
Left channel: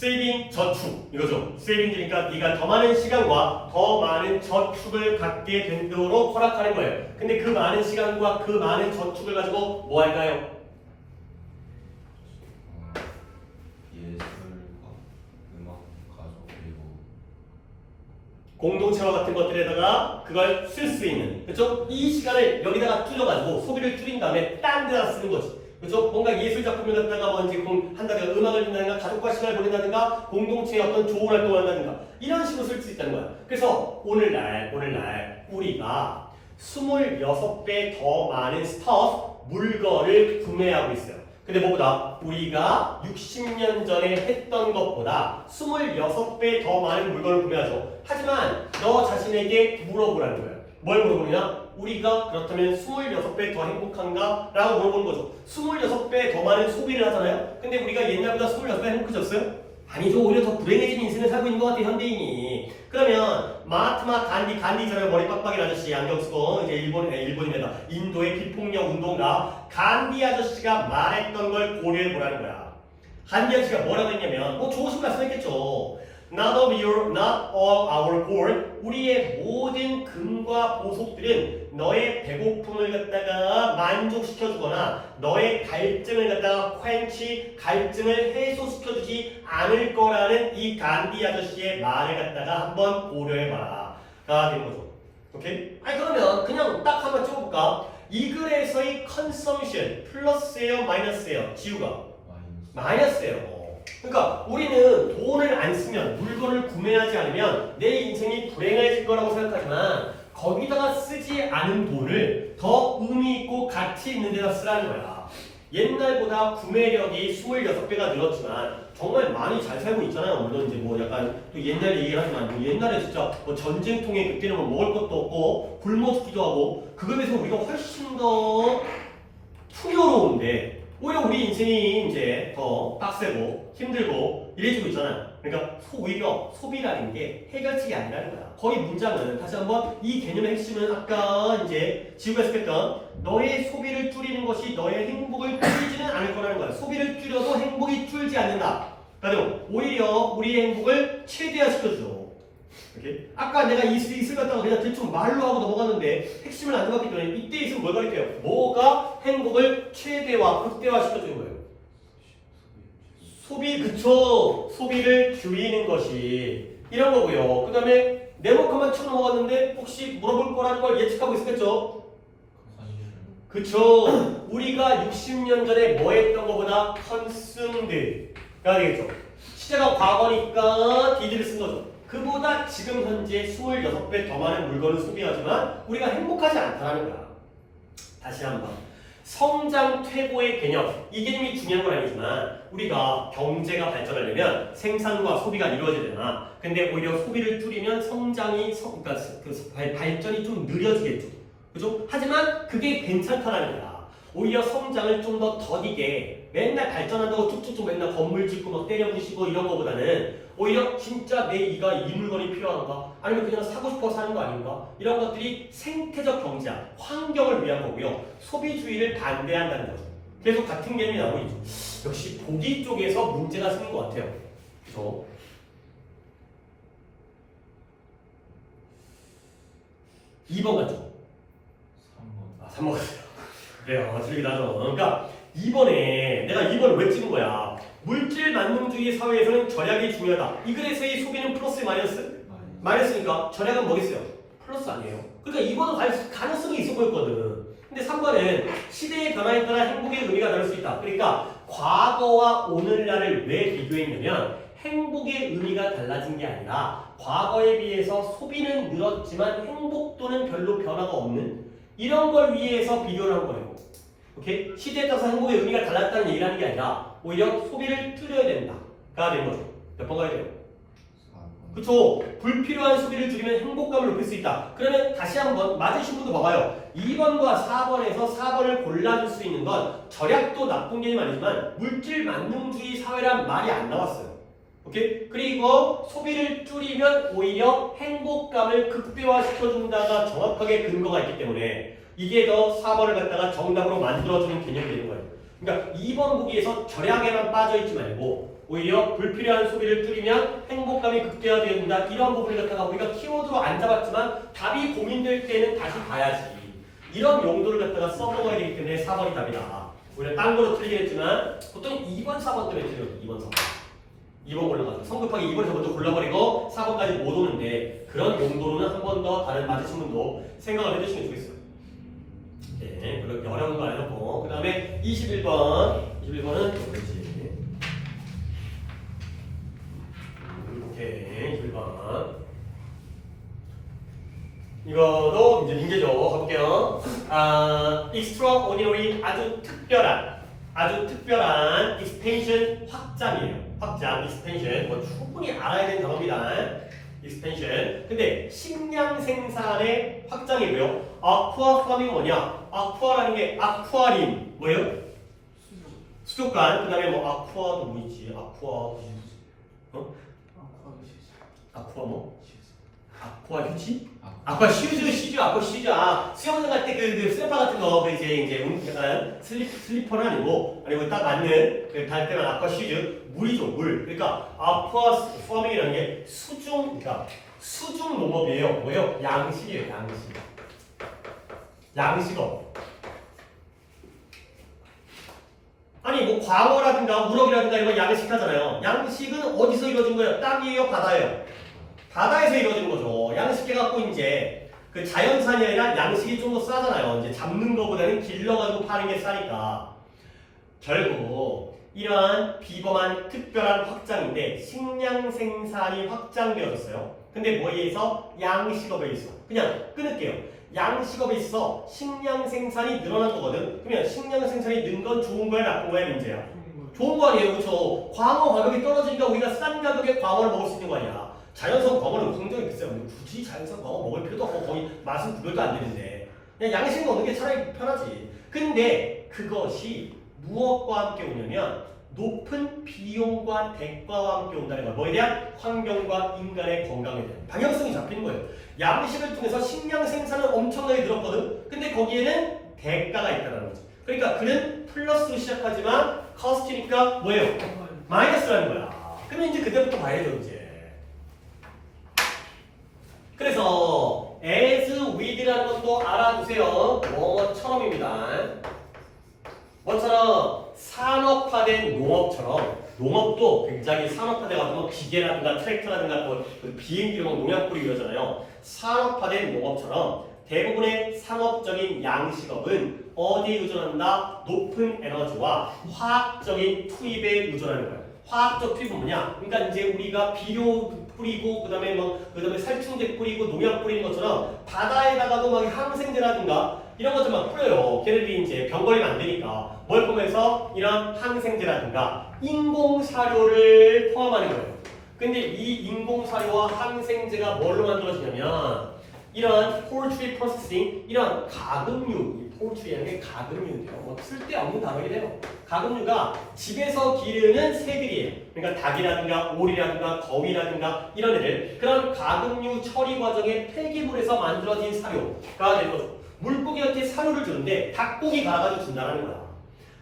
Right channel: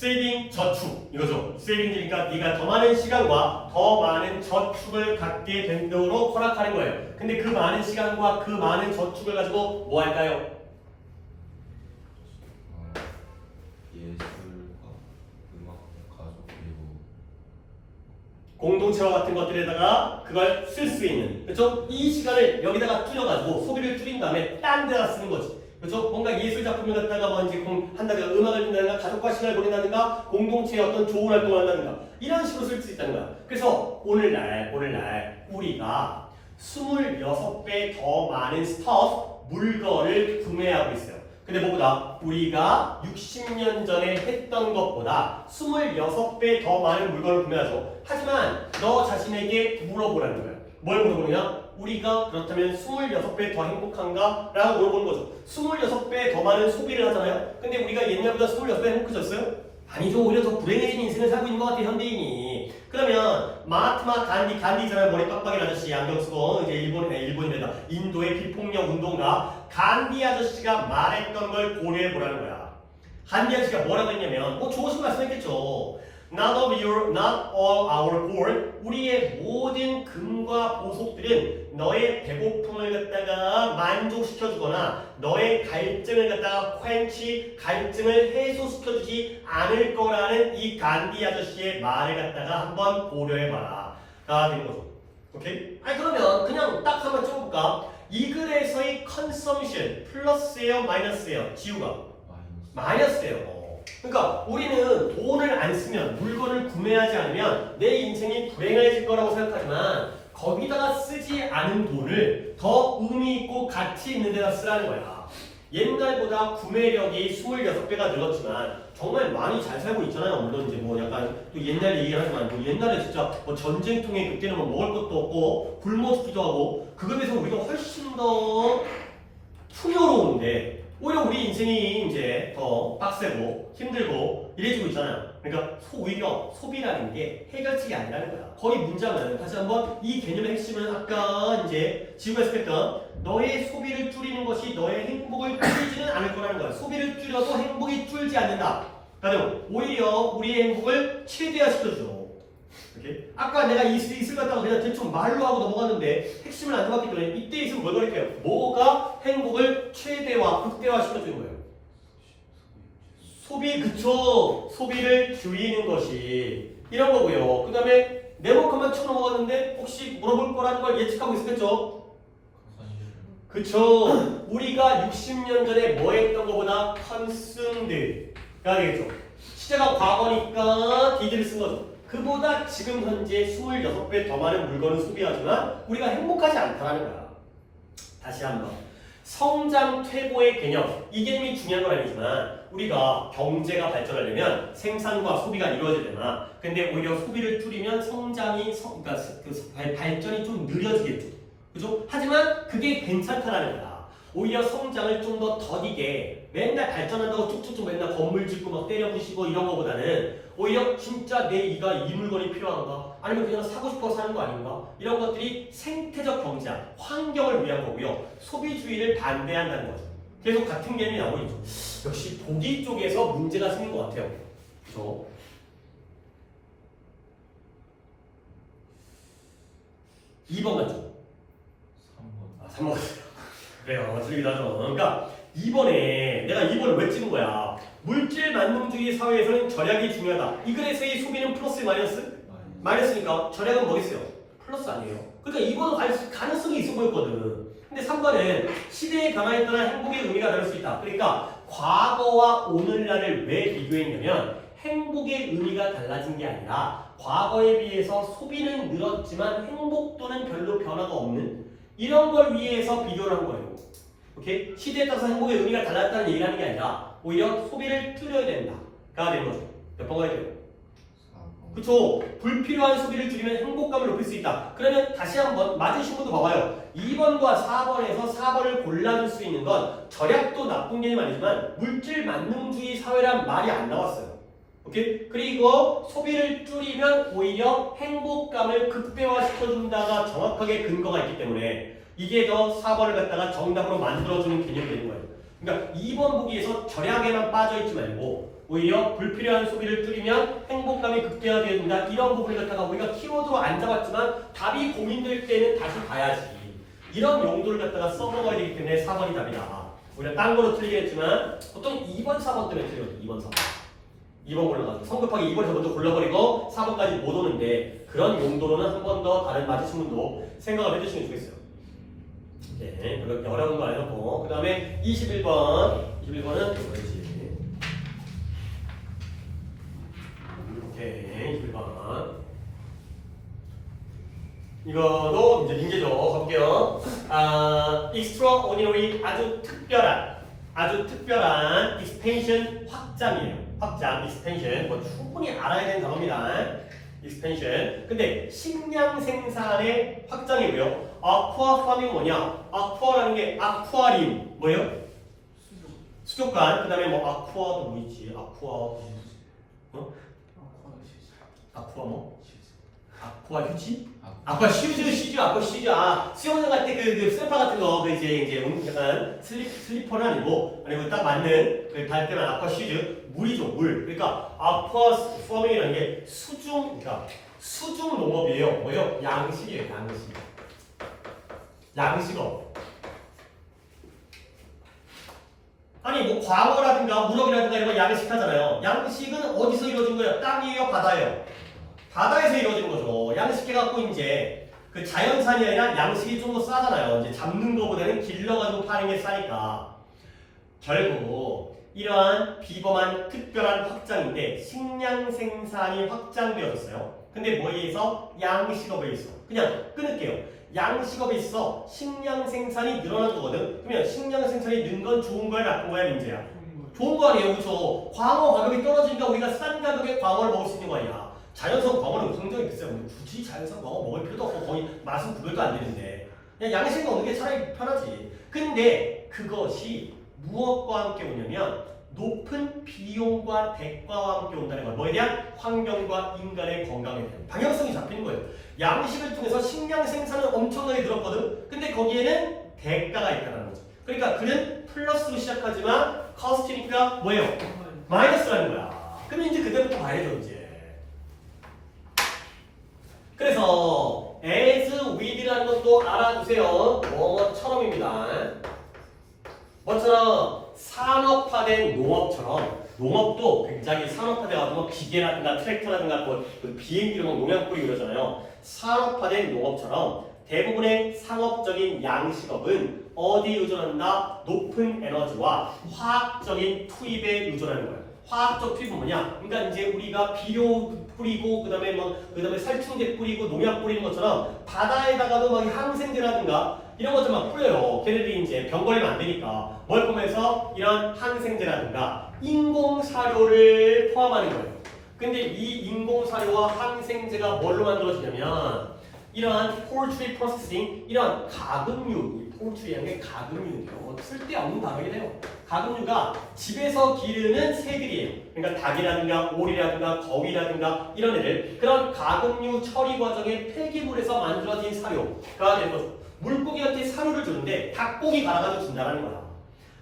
세이빙 저축 이거죠. 세이빙이니까 네가 더 많은 시간과 더 많은 저축을 갖게 되도록 허락하는 거예요. 근데 그 많은 시간과 그 많은 저축을 가지고 뭐 할까요? 예술과 음악, 가족 그리고 공동체와 같은 것들에다가 그걸 쓸 수 있는, 그렇죠? 이 시간을 여기다가 줄여가지고 소비를 줄인 다음에 딴 데다 쓰는 거지. 그렇죠? 뭔가 예술 작품을 갖다가 뭔지 한다든가 음악을 듣는다든가 가족과 시간을 보낸다든가 공동체의 어떤 좋은 활동을 한다든가 이런 식으로 쓸 수 있다는 거야. 그래서 오늘날 우리가 26배 더 많은 스터프 물건을 구매하고 있어요. 근데 뭐보다 우리가 60년 전에 했던 것보다 26배 더 많은 물건을 구매하죠. 하지만 너 자신에게 물어보라는 거야. 뭘 물어보느냐? 우리가 그렇다면 26배 더 행복한가? 라고 물어보는 거죠. 26배 더 많은 소비를 하잖아요. 근데 우리가 옛날보다 26배 행복해졌어요? 아니죠. 오히려 더 불행해진 인생을 살고 있는 것 같아, 현대인이. 그러면 마하트마 간디 있잖아요. 머리 빡빡인 아저씨, 안경 쓰고 이제 일본입니다. 인도의 비폭력 운동가 간디 아저씨가 말했던 걸 고려해 보라는 거야. 간디 아저씨가 뭐라고 했냐면 뭐 좋으신 말씀했겠죠. Not all our gold, 우리의 모든 금과 보석들은 너의 배고픔을 갖다가 만족시켜주거나 너의 갈증을 갖다가 갈증을 해소시켜주지 않을 거라는 이 간디 아저씨의 말을 갖다가 한번 고려해봐라 가 되는 거죠. 오케이? 아니 그러면 그냥 딱 한번 찍어볼까? 이 글에서의 컨섬션 플러스예요 마이너스예요? 지우가 마이너스예요. 그러니까 우리는 돈을 안 쓰면 물건을 구매하지 않으면 내 인생이 불행해질 거라고 생각하지만 거기다가 쓰지 않은 돈을 더 의미 있고 가치 있는 데다 쓰라는 거야. 옛날보다 구매력이 26배가 늘었지만 정말 많이 잘 살고 있잖아요. 물론 이제 뭐 약간 또 옛날 얘기를 하지만 뭐 옛날에 진짜 뭐 전쟁통에 그때는 뭐 먹을 것도 없고 굶어 죽기도 하고 그거에 비해서 우리가 훨씬 더 풍요로운데 오히려 우리 인생이 이제 더 빡세고 힘들고 이래지고 있잖아요. 그러니까 오히려 소비라는 게 해결책이 아니라는 거야. 거의 문장은 다시 한번 이 개념의 핵심은 아까 이제 지우가 했던 너의 소비를 줄이는 것이 너의 행복을 줄이지는 않을 거라는 거야. 소비를 줄여도 행복이 줄지 않는다. 그러니까 오히려 우리의 행복을 최대화시켜줘. 이렇게? 아까 내가 이슬 갖다가 그냥 대충 말로 하고 넘어갔는데 핵심을 안 잡았기 때문에 이때 있으면 뭘 가릴게요? 뭐가 행복을 최대화, 극대화시켜주는 거예요? 소비, 그쵸? 소비를 줄이는 것이 이런 거고요. 그 다음에 네모칸만 쳐 넘어갔는데 혹시 물어볼 거라는 걸 예측하고 있었겠죠? 그쵸? 우리가 60년 전에 뭐 했던 것보다 consume드가 되겠죠? 시제가 과거니까 did를 쓴 거죠. 그보다 지금 현재 26배 더 많은 물건을 소비하지만 우리가 행복하지 않다는 거야. 다시 한번. 성장 퇴보의 개념. 이 개념이 중요한 건 아니지만 우리가 경제가 발전하려면 생산과 소비가 이루어지잖아. 근데 오히려 소비를 줄이면 그러니까 발전이 좀 느려지겠죠. 그죠? 하지만 그게 괜찮다라는 거야. 오히려 성장을 좀 더 더디게 맨날 발전한다고 쭉쭉쭉 맨날 건물 짓고 막 때려 부시고 이런 거보다는 오히려 진짜 내 이가 이 물건이 필요한가? 아니면 그냥 사고 싶어서 사는 거 아닌가? 이런 것들이 생태적 경제학, 환경을 위한 거고요. 소비주의를 반대한다는 거죠. 계속 같은 개념이 나오고 있죠. 역시 보기 쪽에서 문제가 생긴 것 같아요. 그래서 2번 같죠? 3번. 3번 같아요. 그래요. 즐기다 하죠. 그러니까 2번에 내가 2번을 왜 찍은 거야? 물질 만능주의 사회에서는 절약이 중요하다. 이 글에서의 소비는 플러스 마이너스? 마이너스니까 절약은 뭐겠어요? 플러스 아니에요. 그러니까 2번은 가능성이 있어 보였거든. 근데 3번은 시대의 변화에 따라 행복의 의미가 다를 수 있다. 그러니까 과거와 오늘날을 왜 비교했냐면 행복의 의미가 달라진 게 아니라 과거에 비해서 소비는 늘었지만 행복도는 별로 변화가 없는 이런 걸 위해서 비교를 한 거예요. 오케이? 시대에 따라서 행복의 의미가 달랐다는 얘기를 하는 게 아니라 오히려 소비를 줄여야 된다가 되는 거죠. 몇 번 가야 돼요? 그쵸? 불필요한 소비를 줄이면 행복감을 높일 수 있다. 그러면 다시 한번 맞으신 분도 봐봐요. 2번과 4번에서 4번을 골라줄 수 있는 건 절약도 나쁜 개념 아니지만 물질 만능주의 사회란 말이 안 나왔어요. 오케이? 그리고 소비를 줄이면 오히려 행복감을 극대화시켜준다가 정확하게 근거가 있기 때문에 이게 더 4번을 갖다가 정답으로 만들어주는 개념이 되는 거예요. 그러니까 2번 보기에서 절약에만 빠져있지 말고 오히려 불필요한 소비를 줄이면 행복감이 극대화된다. 이런 부분을 갖다가 우리가 키워드로 안 잡았지만 답이 고민될 때는 다시 봐야지. 이런 용도를 갖다가 써먹어야 되기 때문에 4번이 답이다. 오히려 딴 거로 틀리겠지만 보통 2번, 4번 때문에 틀려요. 2번, 4번. 2번 골라가지고 성급하게 2번에서 먼저 골라버리고 4번까지 못 오는데 그런 용도로는 한 번 더 다른 맞으신 분도 생각을 해주시면 좋겠어요. 네, 그렇게 어려운 거 안 해놓고 그 다음에 21번은 뭐지? 오케이, 21번 이거도 이제 민재죠. 가볼게요. extraordinary 아주 특별한 expansion 확장이에요. 확장, expansion 뭐 충분히 알아야 되는 단어입니다. expansion. 근데 식량 생산의 확장이고요. aqua farm이 뭐냐? aqua라는 게 아쿠아림 뭐예요? 수족관. 그다음에 뭐 aqua도 뭐 있지? aqua 아쿠아 뭐? 아쿠아 휴지? 아쿠아 슈즈. 아, 수영장 갈 때 그 슬리퍼 같은 거, 이제 약간 슬리퍼는 아니고 딱 맞는 그 갈 때만 아쿠아 슈즈, 물이죠, 물. 그러니까 아쿠아 퍼밍이라는 게 그러니까 수중 농업이에요. 뭐예요? 양식이에요, 양식업. 아니 뭐 광어라든가 우럭이라든가 이런 거 양식하잖아요. 양식은 어디서 이루어진 거예요? 땅이에요, 바다예요? 바다에서 이루어지는 거죠. 양식해갖고 이제 그 자연산이 아니라 양식이 좀 더 싸잖아요. 이제 잡는 거보다는 길러가지고 파는 게 싸니까. 결국 이러한 비범한 특별한 확장인데 식량 생산이 확장되어졌어요. 근데 뭐에 의해서? 양식업에 의해서. 그냥 끊을게요. 양식업에 있어 식량 생산이 늘어난 거거든. 그러면 식량 생산이 는 건 좋은 거야, 나쁜 거야, 문제야? 좋은 거 아니에요, 그렇죠? 광어 가격이 떨어지니까 우리가 싼 가격에 광어를 먹을 수 있는 거 아니야? 자연산 광어는 굉장히 비싸요. 굳이 자연산 광어 먹을 필요도 없고 거의 맛은 구별도 안 되는데 그냥 양식 먹는 게 차라리 편하지. 근데 그것이 무엇과 함께 오냐면 높은 비용과 대가와 함께 온다는 거야. 뭐에 대한? 환경과 인간의 건강에 대한 방향성이 잡히는 거예요. 양식을 통해서 식량 생산은 엄청나게 늘었거든. 근데 거기에는 대가가 있다는 거지. 그러니까 그는 플러스로 시작하지만 커스트니까 뭐예요? 마이너스라는 거야. 그러면 이제 그때부터 봐야죠, 이제. 그래서 as with라는 것도 알아두세요. 뭐처럼입니다. 뭐처럼? 산업화된 농업처럼 농업도 굉장히 산업화돼가지고 기계라든가 트랙터라든가 뭐 비행기 이런 거 농약 뿌리고 이러잖아요. 산업화된 농업처럼 대부분의 상업적인 양식업은 어디에 의존한다? 높은 에너지와 화학적인 투입에 의존하는 거예요. 화학적 투입은 뭐냐? 그러니까 이제 우리가 비료 뿌리고 그다음에 살충제 뿌리고 농약 뿌리는 것처럼 바다에다가도 막 항생제라든가 이런 것들 막 뿌려요. 걔네들이 이제 병 걸리면 안 되니까 뭘 보면서 이런 항생제라든가 인공사료를 포함하는 거예요. 근데 이 인공사료와 항생제가 뭘로 만들어지냐면 이런 poultry processing, 이런 가금류, 이 poultry라는 게 가금류인데요. 뭐 쓸데없는 단어이긴 해요. 가금류가 집에서 기르는 새들이에요. 그러니까 닭이라든가 오리라든가 거위라든가 이런 애들, 그런 가금류 처리 과정의 폐기물에서 만들어진 사료가 될 거죠. 물고기한테 사료를 주는데 닭고기 갈아가지고 준다는 거야.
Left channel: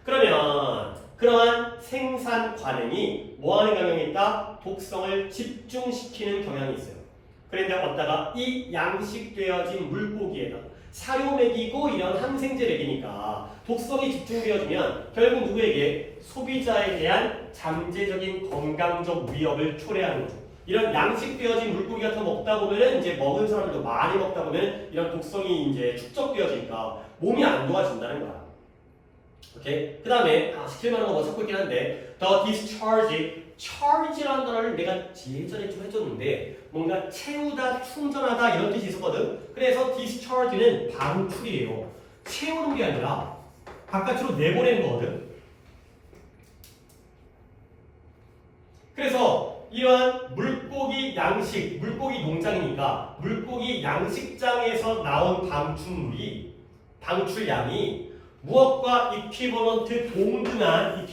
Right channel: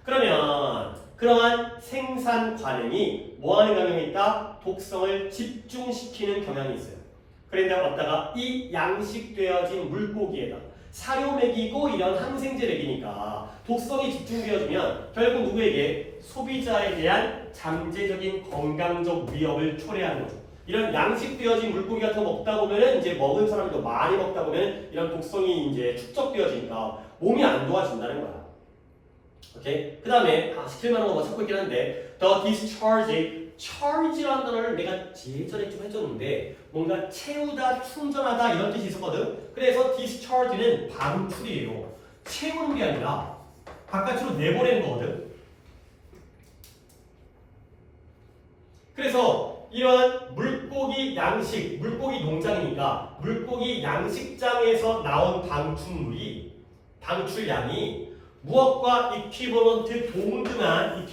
그러면 그러한 생산 관행이 뭐하는 경향이 있다? 독성을 집중시키는 경향이 있어요. 그런데 어디다가 이 양식되어진 물고기에다 사료 먹이고 이런 항생제 먹이니까 독성이 집중되어지면 결국 누구에게? 소비자에 대한 잠재적인 건강적 위협을 초래하는 거죠. 이런 양식되어진 물고기가 더 먹다 보면은 이제 먹은 사람들도 많이 먹다 보면 이런 독성이 이제 축적되어지니까 몸이 안 좋아진다는 거야. 오케이? 그 다음에 시킬만한 거 뭐 찾고 있긴 한데 the discharge, charge라는 단어를 내가 예전에 좀 해줬는데 뭔가 채우다, 충전하다 이런 뜻이 있었거든. 그래서 discharge는 방출이에요. 채우는 게 아니라 바깥으로 내보내는 거거든. 그래서 이러한 물고기 양식, 물고기 농장이니까 물고기 양식장에서 나온 방출량이 무엇과 이퀴버런트 동등한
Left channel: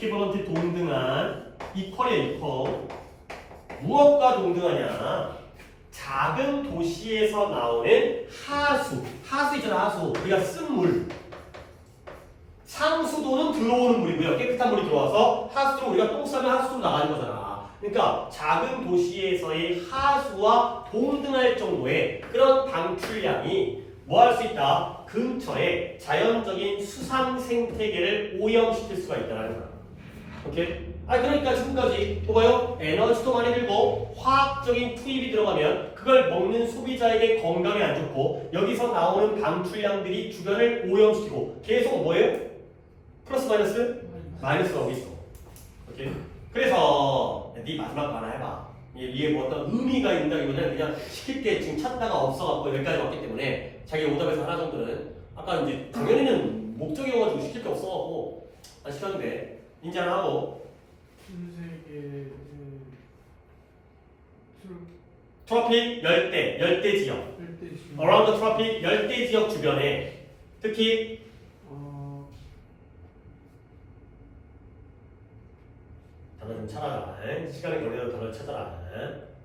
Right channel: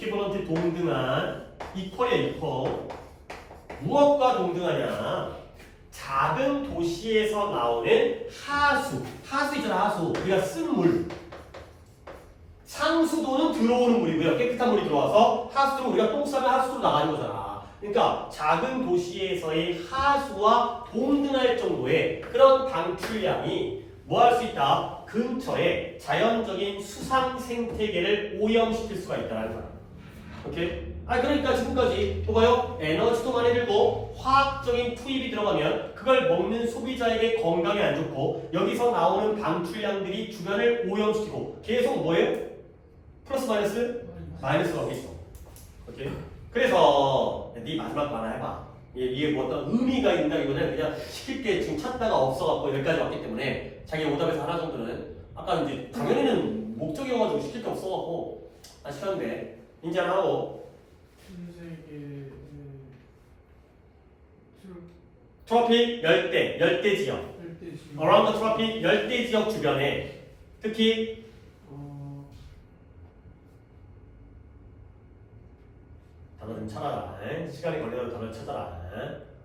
이퀄이야. 무엇과 동등하냐? 작은 도시에서 나오는 하수 있잖아, 하수. 우리가 쓴 물. 상수도는 들어오는 물이고요. 깨끗한 물이 들어와서 하수도로 우리가 똥 싸면 하수도로 나가는 거잖아. 그러니까 작은 도시에서의 하수와 동등할 정도의 그런 방출량이 뭐 할 수 있다? 근처에 자연적인 수상 생태계를 오염시킬 수가 있다는 거야. 오케이? 그러니까 지금까지 봐봐요. 에너지도 많이 들고 화학적인 투입이 들어가면 그걸 먹는 소비자에게 건강에 안 좋고 여기서 나오는 방출량들이 주변을 오염시키고 계속 뭐예요? 플러스 마이너스? 마이너스가 오고 있어. 오케이? 그래서 네 마지막 거 하나 해봐. 이게 뭐 어떤 의미가 있다기보다는 그냥 시킬 때 지금 찾다가 없어갖고 여기까지 왔기 때문에 자기 오답에서 하나 정도는 아까 이제 당연히는 목적이어가지고 시킬 게 없어갖고 안 시켰는데 인정하고 신세계 트로픽 열대 지역 around the tropic 열대 지역 주변에 특히 단어 좀 찾아라. 시간이 걸려도 단어를 찾아라.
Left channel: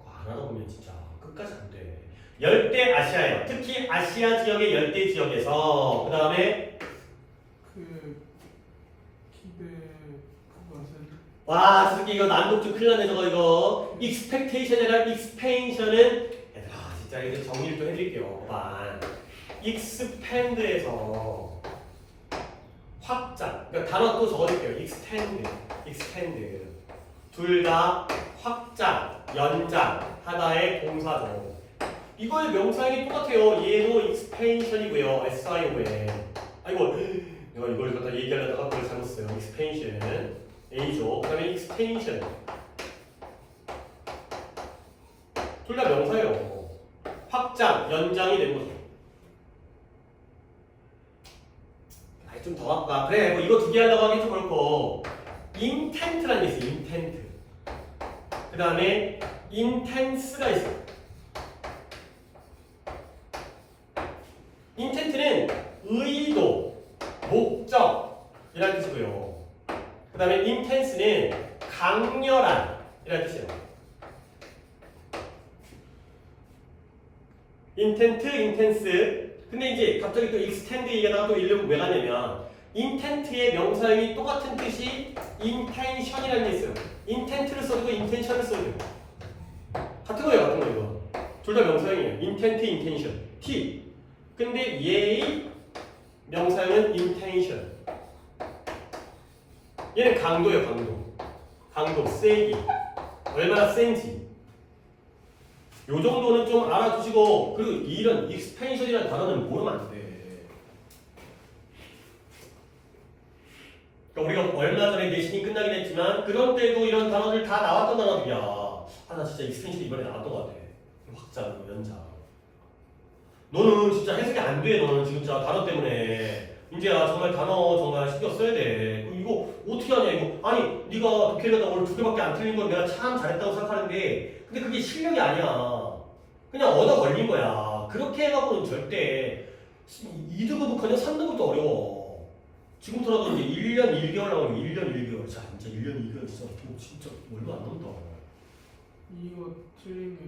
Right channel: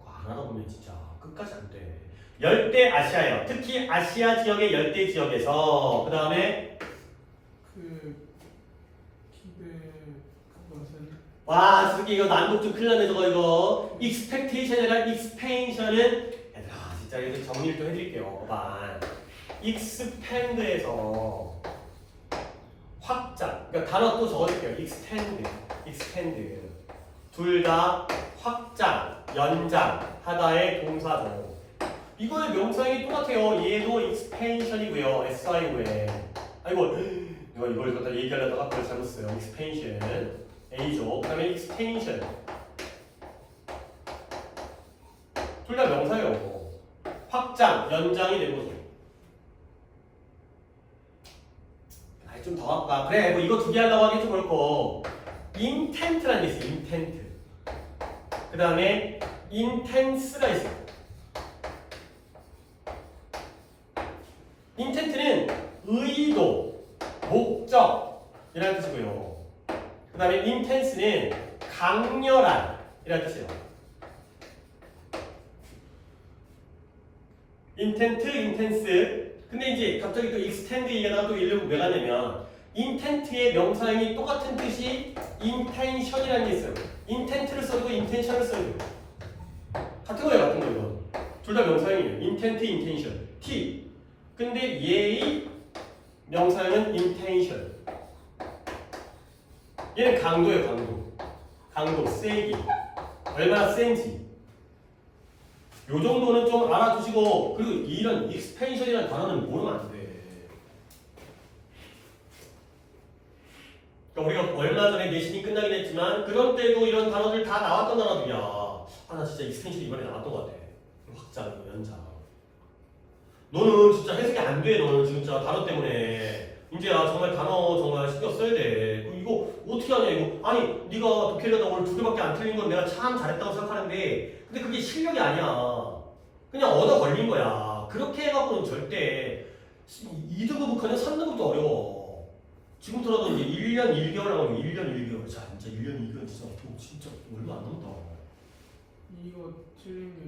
하나도 보면 진짜 끝까지 안 돼. 열대 아시아요. 특히 아시아 지역의 열대 지역에서 그 다음에 와, 저렇게 이거 난독 좀 큰일 나네 저거 이거. expectation이랑 expansion은 얘들아 진짜 이거 정리를 좀 해드릴게요. 봐봐. expand에서 확장. 그러니까 단어 또 적어줄게요. expand. 둘 다 확장, 연장 하나의 동사죠. 이거의 명사형이 똑같아요. 얘도 expansion이고요. SIO에. 아이고, 내가 이걸 갖다 얘기하려다가 그걸 잘못 써요. expansion. A죠. 그 다음에 extension. 둘 다 명사예요. 확장, 연장이 된 거죠. 좀 더 할까? 그래, 뭐 이거 두 개 하려고 하긴 좀 그렇고. intent라는 게 있어요. intent. 그 다음에 intense가 있어요. intent는 의도, 목적이라는 뜻이고요. 그 다음에 intense는 강렬한 이라는 뜻이에요. intent, intense. 근데 이제 갑자기 또 extend 얘기가 또 이러면 왜 가냐면 intent의 명사형이 똑같은 뜻이 intention이라는 게 있어요. intent를 써도 intention을 써도 같은 거예요, 이거. 둘 다 명사형이에요. intent, intention. T. 근데 얘의 명사형은 intention. 얘는 강도예요, 강도, 세기. 얼마나 센지. 요 정도는 좀 알아두시고, 그리고 이런 expansion이라는 단어는 모르면 안 돼. 그러니까 우리가 얼마 전에 내신이 끝나긴 했지만, 그런 때도 이런 단어들 다 나왔던 단어들이야. 나 진짜 expansion 이번에 나왔던 것 같아. 확장, 연장. 너는 진짜 해석이 안 돼, 너는 진짜 단어 때문에. 민재야, 정말 단어 정말 신경 써야 돼. 이거 어떻게 하냐, 이거. 아니, 네가 독해려다 오늘 2개밖에 안 틀린 건 내가 참 잘했다고 생각하는데, 근데 그게 실력이 아니야. 그냥 얻어 걸린 거야. 그렇게 해갖고는 절대 2등급부터는 3등급도 어려워. 지금부터라도 이제 1년 1개월 나오면 1년 1개월. 자, 진짜 1년 2개월 진짜 얼마 안 남았다. 이거 틀린 게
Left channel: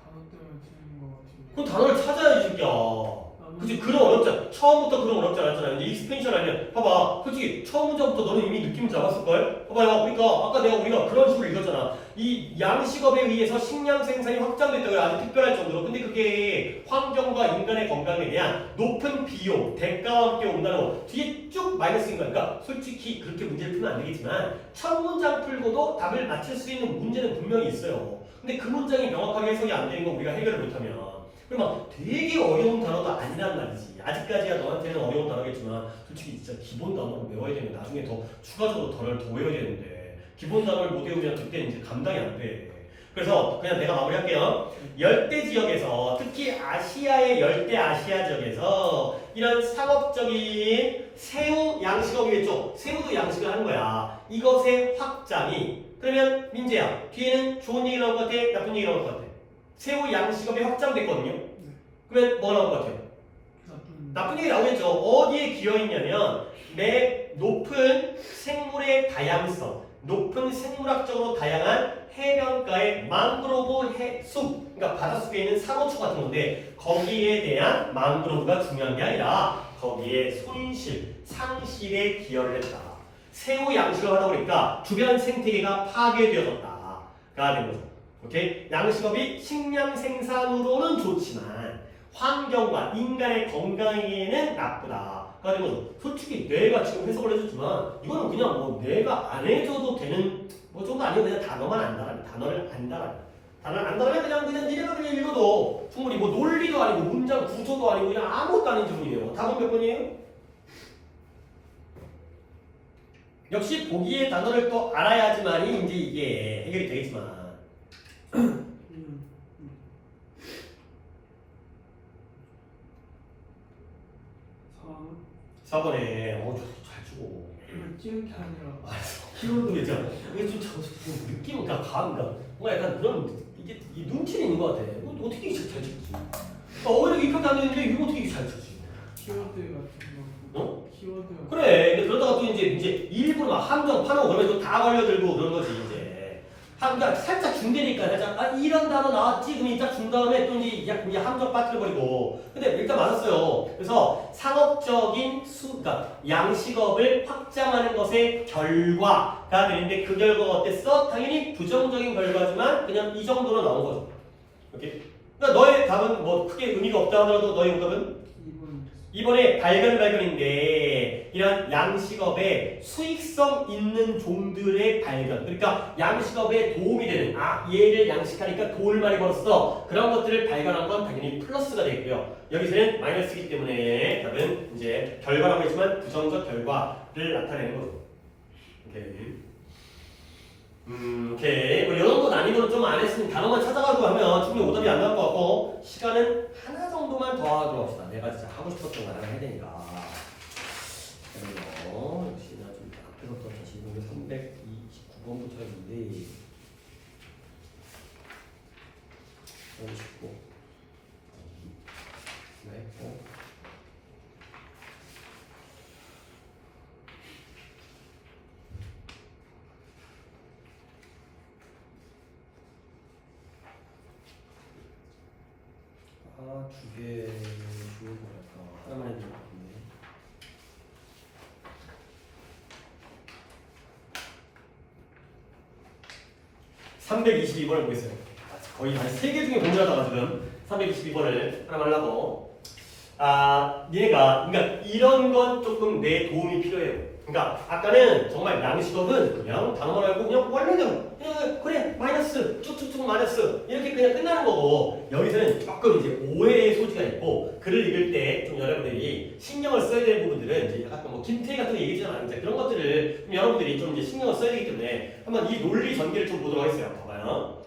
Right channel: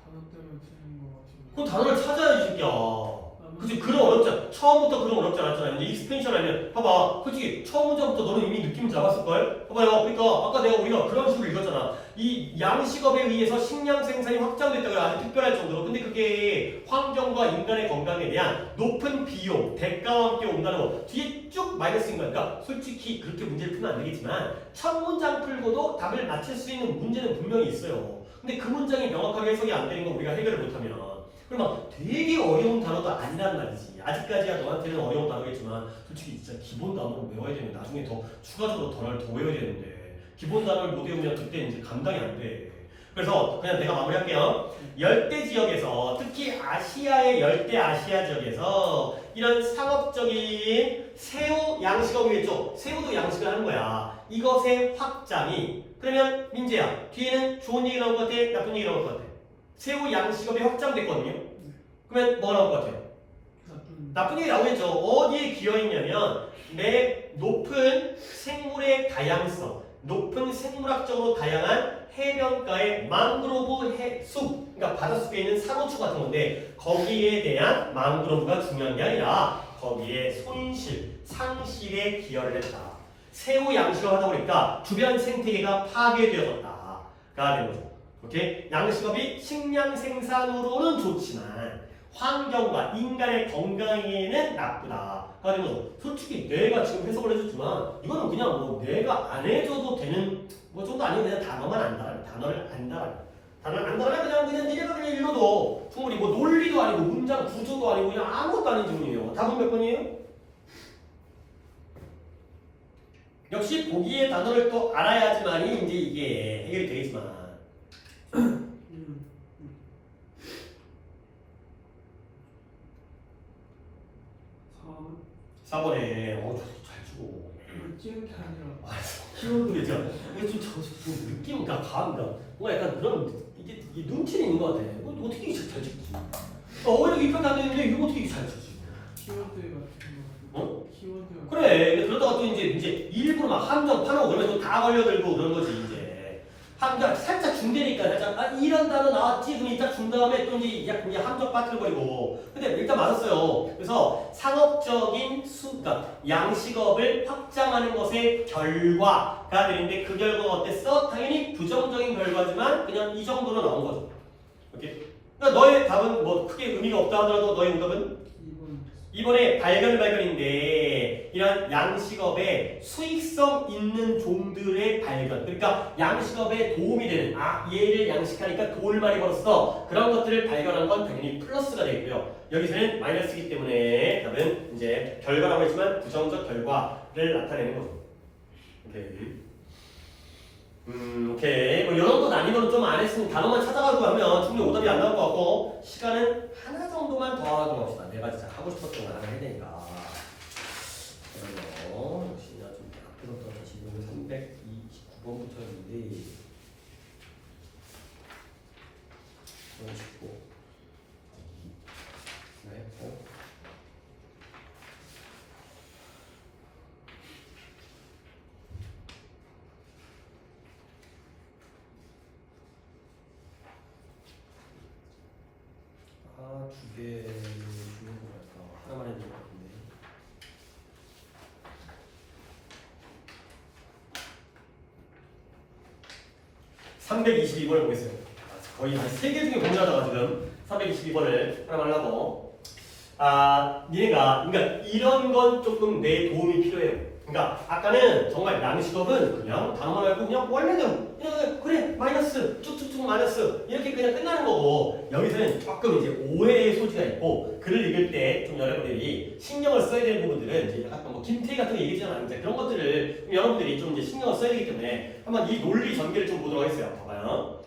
단어 때문에 틀린 거 같은데. 그럼 단어를 찾아야지, 새끼야. 그치, 그럼 어렵잖아. 처음부터 그럼 어렵지 않았잖아. 이제 익스펜션 아니면, 봐봐. 솔직히, 처음 문제부터 너는 이미 느낌을 잡았을걸? 봐봐요. 그러니까, 아까 우리가 그런 식으로 읽었잖아. 이 양식업에 의해서 식량 생산이 확장됐다고요. 아주 특별할 정도로. 근데 그게 환경과 인간의 건강에 대한 높은 비용, 대가와 함께 온다는 거. 뒤에 쭉 마이너스인 거니까, 솔직히 그렇게 문제를 풀면 안 되겠지만, 첫 문장 풀고도 답을 맞출 수 있는 문제는 분명히 있어요. 근데 그 문장이 명확하게 해석이 안 되는 거 우리가 해결을 못하면, 그럼 되게 어려운 단어도 아니란 말이지. 아직까지야 너한테는 어려운 단어겠지만 솔직히 진짜 기본 단어를 외워야 되면 나중에 더 추가적으로 더 외워야 되는데 기본 단어를 못 외우면 그때 이제 감당이 안 돼. 그래서 그냥 내가 마무리할게요. 열대 지역에서 특히 아시아의 열대 아시아 지역에서 이런 상업적인 새우 양식업이겠죠. 새우도 양식을 하는 거야. 이것의 확장이 그러면 민재야 뒤에는 좋은 얘기 나올 것 같아? 나쁜 얘기 나올 것 같아? 새우 양식업이 확장됐거든요. 그러면 뭐 나올 것 같아요? 나쁜 얘기 나오겠죠. 어디에 기여했냐면 내 높은 생물의 다양성, 높은 생물학적으로 다양한 해변가의 망그로브 숲, 그러니까 바닷속에 있는 상어초 같은 건데 거기에 대한 망그로브가 중요한 게 아니라 거기에 손실, 상실에 기여를 했다. 새우 양식을 하다 보니까 주변 생태계가 파괴되어졌다. 가 되는 거죠. 오케이? 양식업이 식량 생산으로는 좋지만 환경과 인간의 건강에는 나쁘다. 가 되는 거죠. 솔직히 내가 지금 해석을 해줬지만 이거는 그냥 뭐 내가 안 해줘도 되는 뭐 정도 아니고 그냥 단어만 안다라는 단어를 안다라는 단어를 안다라면 그냥 내가 그냥 읽어도 충분히 뭐 논리도 아니고 문장 구조도 아니고 그냥 아무것도 아닌 질문이에요. 답은 몇 번이에요? 역시 보기의 단어를 또 알아야지만이 이제 이게 해결이 되겠지만 4번에 잘 주고 찌는 게 아니라 키우는 게 있잖아. 이게 좀 느낌, 그러니까 감가 뭔가 약간 그런 이게 눈치는 있는 것 같아. 어떻게 이렇게 잘 찍지? 오히려 입학도 안 되는데 이거 어떻게 이렇게 잘 찍지? 키워드 같은 거. 어? 키워드. 그래. 그러다가 또 이제 일부러 막 함정 파는 그러면 또 다 걸려들고 그런 거지 이제. 그러니까 살짝 중대니까 살짝 이런 단어 나왔지 그럼 딱 준 다음에 또 이제 함정 빠뜨려버리고. 근데 일단 맞았어요. 그래서 상업적인 그러니까 양식업을 확장하는 것의 결과가 되는데 그 결과가 어땠어? 당연히 부정적인 결과지만 그냥 이 정도로 나온 거죠. 오케이? 그러니까 너의 답은 뭐 크게 의미가 없다 하더라도 너의 응답은 2번에 발견인데 이런 양식업에 수익성 있는 종들의 발견 그러니까 양식업에 도움이 되는 얘를 양식하니까 돈을 많이 벌었어 그런 것들을 발견한 건 당연히 플러스가 되고요 여기서는 마이너스이기 때문에 답은 이제 결과라고 했지만 부정적 결과를 나타내는 거죠. 오케이 뭐 이런 거 난이도는 좀 안 했으면 단어만 찾아가고 하면 충분히 오답이 안 나올 것 같고 시간은 하나 정도만 더 하도록 합시다. 내가 진짜 하고 싶었던 거 하나 해야 되니까. 그러면 역시 나 좀 앞에서부터 다시 보면 329번부터였는데 39 네. 2개 중요한 거 할까? 하나만 해도 될 것 같은데. (322번을) 보겠어요. 거의 한 3개 중에 고민하다가 지금 322번을 하나 하려고. 니네가 그러니까 이런 건 조금 내 도움이 필요해요. 그러니까 아까는 정말 양식업은 그냥 단어만 알고 그냥 원래는 그래 마이너스 쭉쭉쭉 마이너스 이렇게 그냥 끝나는 거고 여기서는 조금 이제 오해의 소지가 있고 글을 읽을 때 좀 여러분들이 신경을 써야 되는 부분들은 이제 약간 뭐 김태희 같은 거 얘기잖아 이제 그런 것들을 좀 여러분들이 좀 이제 신경을 써야 되기 때문에 한번 이 논리 전개를 좀 보도록 하겠어요. 봐봐요.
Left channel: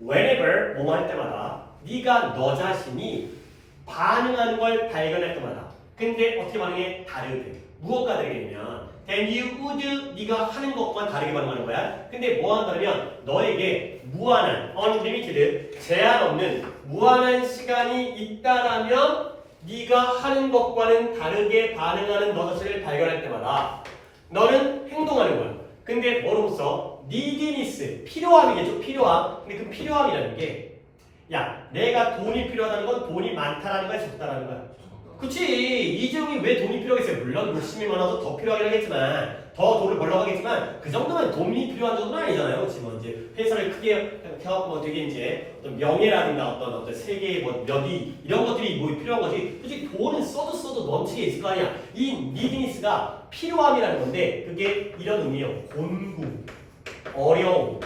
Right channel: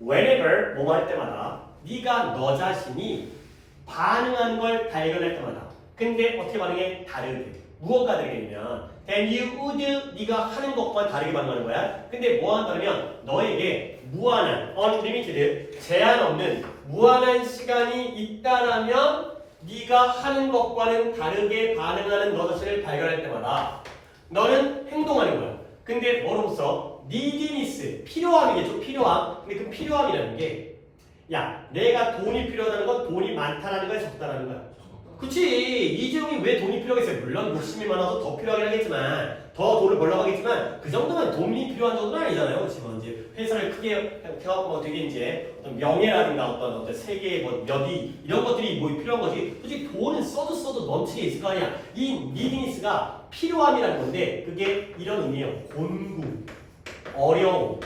Whenever 뭐뭐 할 때마다 네가 너 자신이 반응하는 걸 발견할 때마다 근데 어떻게 반응해? 다르게 무엇과 다르게냐면 then you would 네가 하는 것과 다르게 반응하는 거야. 근데 뭐 한다면 너에게 무한한 unlimited 제한 없는 무한한 시간이 있다라면 네가 하는 것과는 다르게 반응하는 너 자신을 발견할 때마다 너는 행동하는 거야. 근데 뭐로써 neediness 필요함이겠죠. 필요함. 근데 그 필요함이라는 게 야, 내가 돈이 필요하다는 건 돈이 많다라는 거야, 적다라는 거야. 그치. 이재용이 왜 돈이 필요하겠어요? 물론 욕심이 많아서 더 필요하긴 하겠지만 더 돈을 벌려고 하겠지만 그 정도면 돈이 필요한 정도는 아니잖아요. 그치? 뭐 이제 회사를 크게 해갖고 뭐 되게 이제 어떤 명예라든가 어떤 세계의 뭐 몇이 이런 것들이 뭐 필요한 거지. 그치? 돈은 써도 넘치게 있을 거 아니야. 이 니드니스가 필요함이라는 건데 그게 이런 의미예요. 곤구, 어려움.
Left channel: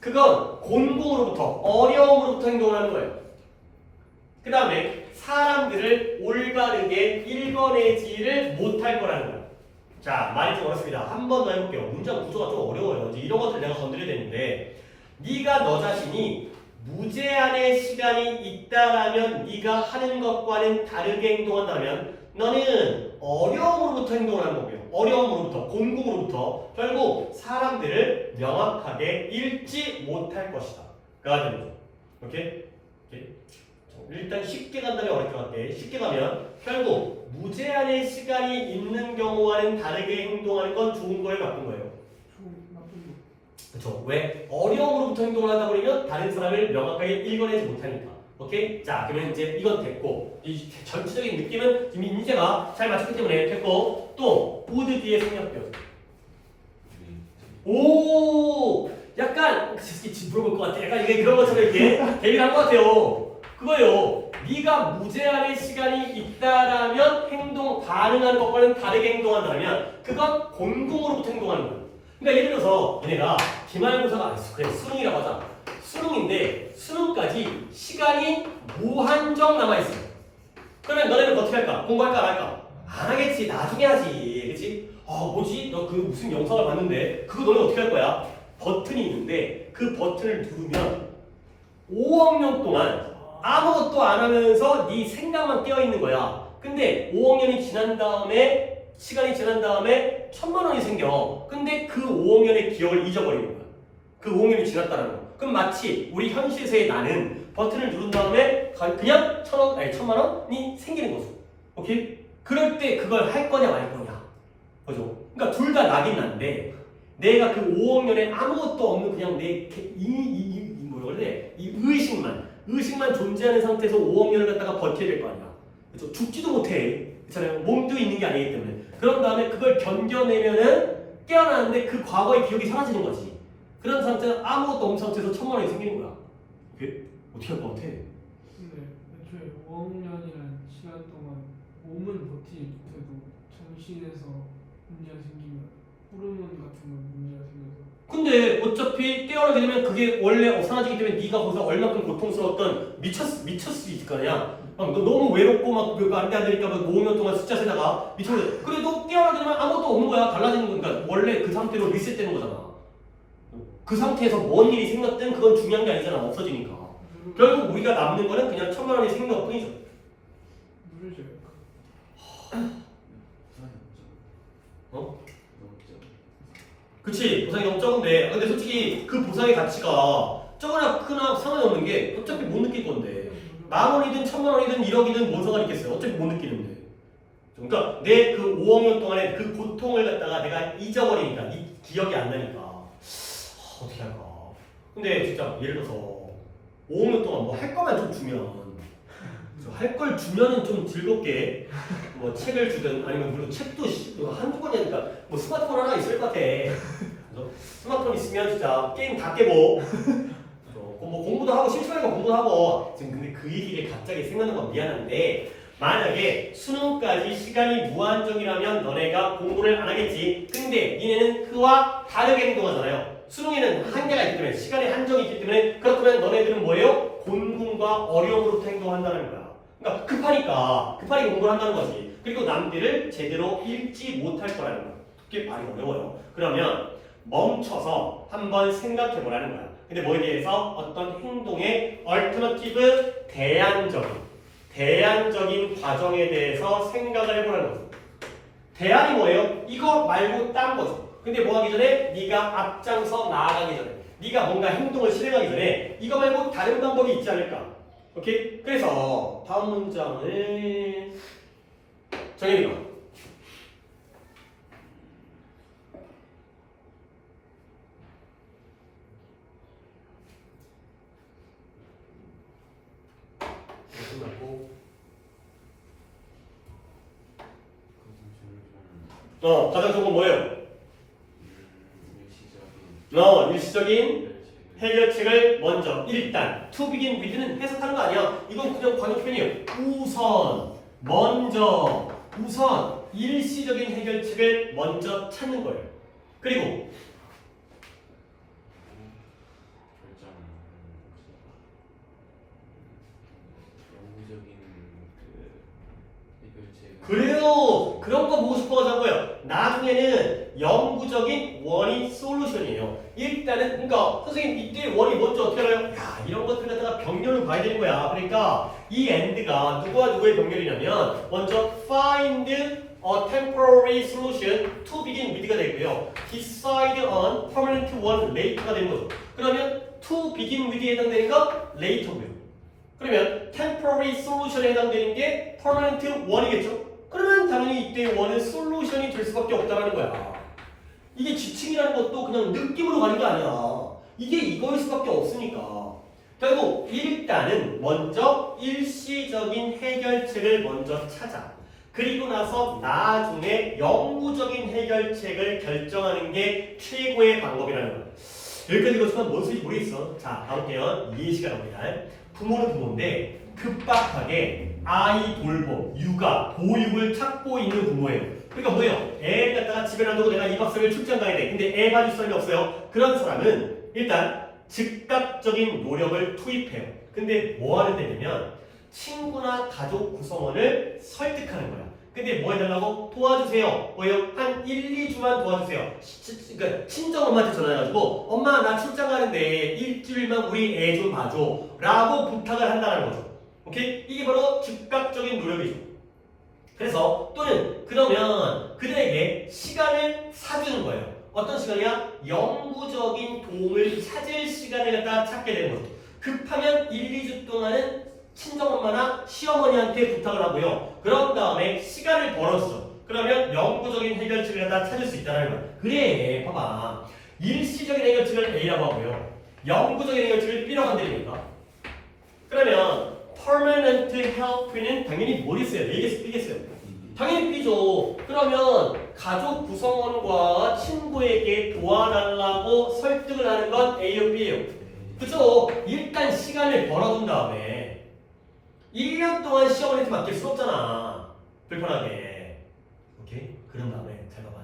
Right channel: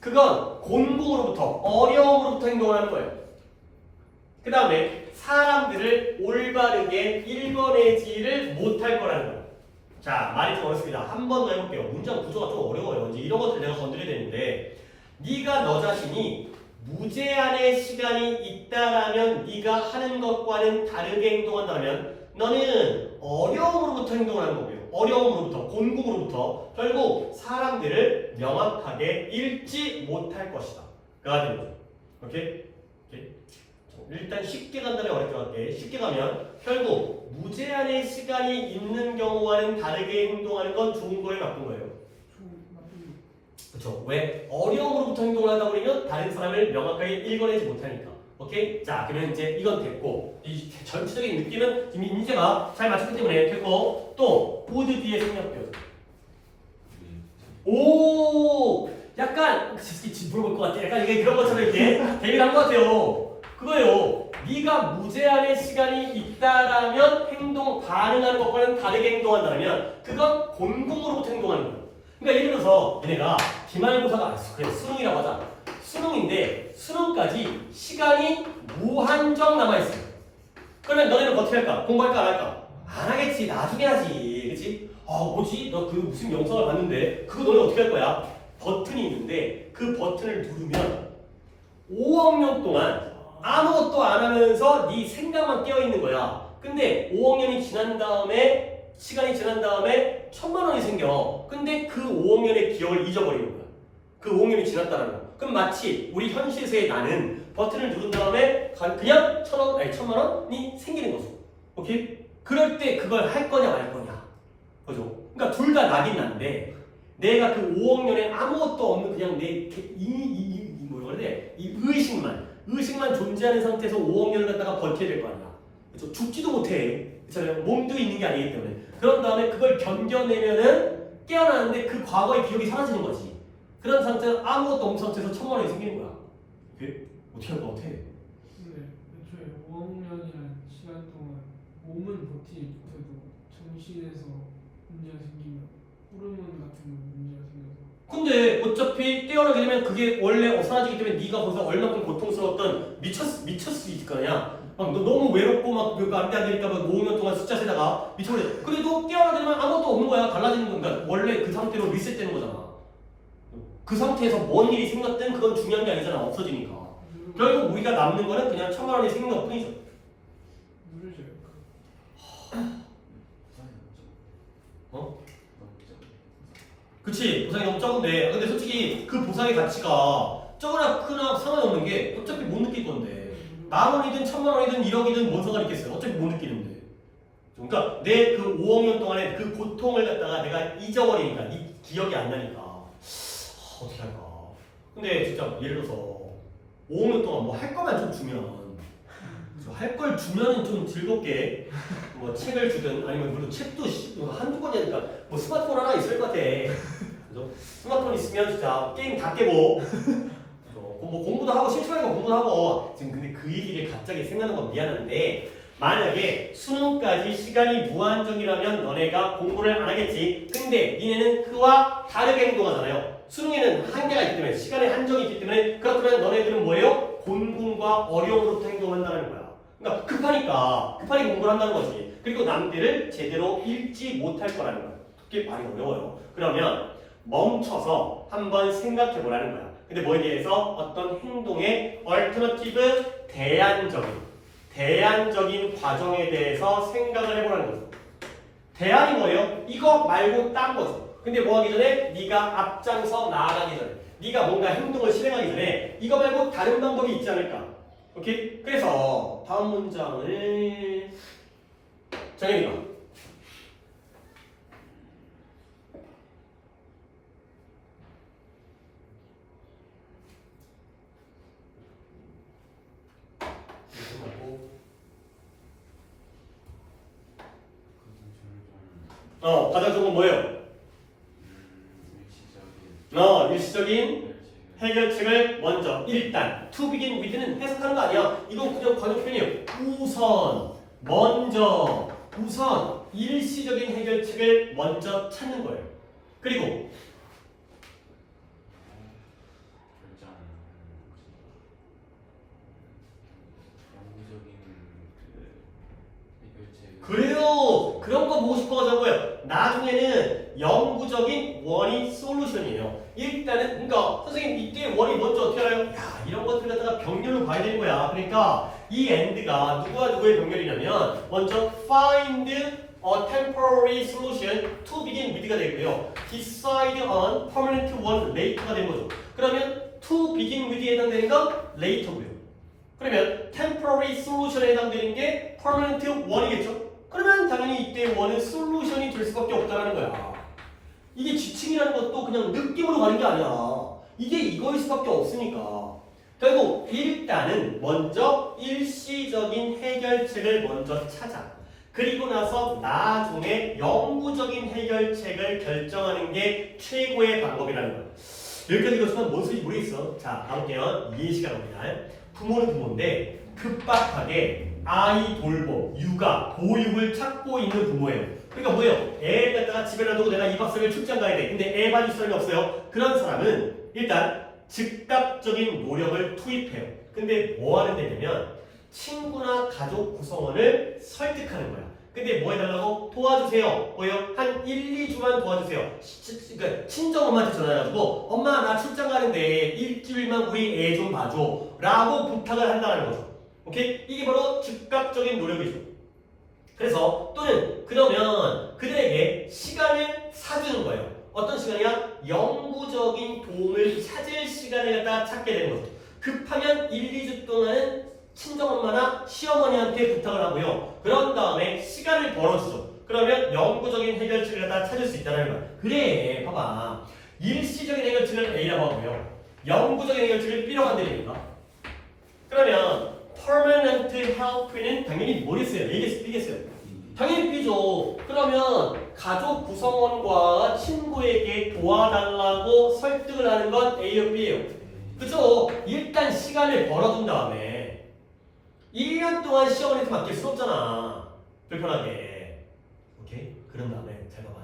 그건 곤궁으로부터 어려움으로부터 행동을 하는 거예요. 그 다음에 사람들을 올바르게 읽어내지를 못할 거라는 거예요. 자, 말이 좀 어렵습니다. 한 번 더 해볼게요. 문장 구조가 좀 어려워요. 이제 이런 것들 내가 건드려야 되는데 네가 너 자신이 무제한의 시간이 있다라면 네가 하는 것과는 다르게 행동한다면 너는 어려움으로부터 행동을 하는 거고요. 어려움으로부터, 곤궁으로부터 결국 사람들을 명확하게 읽지 못할 것이다. 가 되는 거죠. 오케이? 일단 쉽게 간 다음에 어렵게 갈게. 쉽게 가면 결국 무제한의 시간이 있는 경우와는 다르게 행동하는 건 좋은 거예요, 나쁜 거예요? 나쁜 그렇죠. 왜? 어려움으로부터 행동을 하다 보면 다른 사람을 명확하게 읽어내지 못하니까. 오케이? 자, 그러면 이제 이건 됐고 이 전체적인 느낌은 지금 인재가 잘 맞췄기 때문에 됐고 또 would 뒤에 생략되어져. 오, 약간 물어볼 것 같아. 약간 이게 그런 것처럼 이렇게 대비한 것 같아요. 그거예요. 네가 무제한의 시간이 있다라면 행동 가능한 것과는 다르게 행동한다면 그건 곤궁으로부터 행동하는 거야. 그러니까 예를 들어서 얘네가 기말고사가 아니었어. 그래 수능이라고 하자. 수능인데 수능까지 시간이 무한정 남아있어. 그러면 너네는 어떻게 할까? 공부할까 안 할까? 안 하겠지. 나중에 하지. 그치? 뭐지? 너 그 무슨 영상을 봤는데 그거 너네 어떻게 할 거야? 버튼이 있는데 그 버튼을 누르면 5억 년 동안 아무것도 안 하면서 네 생각만 깨어 있는 거야. 근데 5억 년이 지난 다음에 시간이 지난 다음에 1000만 원이 생겨. 근데 그 5억 년의 기억을 잊어버리는 거야. 그 5억 년이 지났다는 거. 그럼 마치 우리 현실에서의 나는 버튼을 누른 다음에 그냥 1000만 원이 생기는 거죠. 오케이? 그럴 때 그걸 할 거냐 말 거냐. 그죠? 그러니까 둘 다 나긴 난데 내가 그 5억 년에 아무것도 없는 그냥 내 뭐라 그래? 이 의식만 존재하는 상태에서 5억 년을 갖다가 버텨야 될 거 아니야. 그렇죠? 죽지도 못해. 그렇잖아요. 몸도 있는 게 아니기 때문에. 그런 다음에 그걸 견뎌내면은 깨어나는데 그 과거의 기억이 사라지는 거지. 그런 상태는 아무것도 없는 상태에서 1000만 원이 생기는 거야. 그게 어떻게 할 것 같아? 근데 애초에 5억 년이라는 시간 동안 몸은 버티지 못해도 정신에서 문제가 생기면 호르몬 같은 건 문제가 생겨서 근데 어차피 깨어나게 되면 그게 원래 사라지기 때문에 네가 거기서 얼마큼 고통스러웠던 미쳤을 수 있을 거 아니야. 너 너무 외롭고 막 그거 안 되니까 막 5년 동안 숫자 세다가 미쳐버려. 그래도 깨어나게 되면 아무것도 없는 거야. 달라지는 건가? 원래 그 상태로 리셋되는 거잖아. 그 상태에서 뭔 일이 생겼든 그건 중요한 게 아니잖아. 없어지니까. 결국 우리가 남는 거는 그냥 1000만 원이 생긴 것 뿐이죠. 누르죠. 어? 그치, 보상이 너무 적은데 근데 솔직히 그 보상의 가치가 적으나 크나 상관이 없는 게 어차피 못 느낄 건데 10,000원이든 1000,000원이든 1억이든 뭔 상관이 있겠어요. 어차피 못 느끼는데. 그러니까 내 그 5억 년 동안의 그 고통을 갖다가 내가 잊어버리니까 기억이 안 나니까 어떻게 할까. 근데 진짜 예를 들어서 5억 년 동안 뭐 할 거만 좀 주면 할 걸 주면은 좀 즐겁게 뭐 책을 주든 아니면 물론 책도 한두 권이니까 뭐 스마트폰 하나 있을 것 같아. 그래서 스마트폰 있으면 진짜 게임 다 깨고 뭐 공부도 하고 심심하니까 공부도 하고 지금 근데 그 얘기를 갑자기 생각나는 건 미안한데 만약에 수능까지 시간이 무한정이라면 너네가 공부를 안 하겠지. 근데 니네는 그와 다르게 행동하잖아요. 수능에는 한계가 있기 때문에 시간의 한정이 있기 때문에 그렇다면 너네들은 뭐예요? 곤궁과 어려움으로부터 행동한다는 거야. 그러니까 급하게 공부를 한다는 거지. 그리고 남들을 제대로 읽지 못할 거라는 거야. 그게 말이 어려워요. 그러면 멈춰서 한번 생각해 보라는 거야. 근데 뭐에 대해서 어떤 행동의 얼터너티브 대안적인 과정에 대해서 생각을 해보라는 거죠. 대안이 뭐예요? 이거 말고 딴 거죠. 근데 뭐 하기 전에 네가 앞장서 나아가기 전에 네가 뭔가 행동을 실행하기 전에 이거 말고 다른 방법이 있지 않을까? 오케이? 그래서 다음 문장을 정혜리가 가장 좋은 건 뭐예요? 일시적인 해결책을 먼저 일단 to begin with는 해석하는 거 아니야. 이건 그냥 관용표현이에요. 우선 일시적인 해결책을 먼저 찾는 거예요. 그리고 그래요. 그런 거 보고 싶어가지고 하고요. 나중에는 영구적인 원이 솔루션이에요. 일단은 그러니까 선생님 이때 원이 먼저 어떻게 알아요? 야 이런 것들 갖다가 병렬로 봐야 되는 거야. 그러니까 이 and가 누구와 누구의 병렬이냐면 먼저 find a temporary solution to begin with가 되고요. decide on permanent one later가 되는 거죠. 그러면 to begin with에 해당되니까 later고요. 그러면 temporary solution에 해당되는 게 permanent one이겠죠? 그러면 당연히 이때 원은 솔루션이 될 수밖에 없다라는 거야. 이게 지칭이라는 것도 그냥 느낌으로 가는 게 아니야. 이게 이거일 수밖에 없으니까. 결국 일단은 먼저 일시적인 해결책을 먼저 찾아. 그리고 나서 나중에 영구적인 해결책을 결정하는 게 최고의 방법이라는 거예요. 여기까지 그렇지만 뭔 소리인지 모르겠어. 자, 가볼게요. 이해 시간 옵니다. 부모는 부모인데 급박하게 아이 돌봄, 육아, 보육을 찾고 있는 부모예요. 그러니까 뭐예요? 애 갖다가 집에 놔두고 내가 2박 3일 출장 가야 돼. 근데 애 봐줄 사람이 없어요. 그런 사람은 일단 즉각적인 노력을 투입해요. 근데 뭐 하는 데냐면 친구나 가족 구성원을 설득하는 거야. 근데 뭐 해달라고? 도와주세요. 뭐예요? 한 1, 2주만 도와주세요. 그러니까 친정엄마한테 전화해가지고 엄마 나 출장 가는데 일주일만 우리 애 좀 봐줘 라고 부탁을 한다는 거죠. 오케이? 이게 바로 즉각적인 노력이죠. 그래서 또는 그러면 그들에게 시간을 사주는 거예요. 어떤 시간이야? 영구적인 도움을 찾을 시간을 갖다 찾게 되는 거죠. 급하면 1, 2주 동안은 친정엄마나 시어머니한테 부탁을 하고요. 그런 다음에 시간을 벌어주죠. 그러면 영구적인 해결책을 갖다 찾을 수 있다는 거야. 그래, 봐봐. 일시적인 해결책을 A라고 하고요. 영구적인 해결책을 B라고 한다니까. 그러면 permanent help는 당연히 뭐겠어요? A겠어요? B겠어요? 당연히 B죠. 그러면 가족 구성원과 친구에게 도와달라고 설득을 하는 건 A요, B예요. 그죠? 일단 시간을 벌어둔 다음에 1년 동안 시어머니한테 맡길 수 없잖아. 불편하게. 오케이? 그런 다음에 잘 봐봐.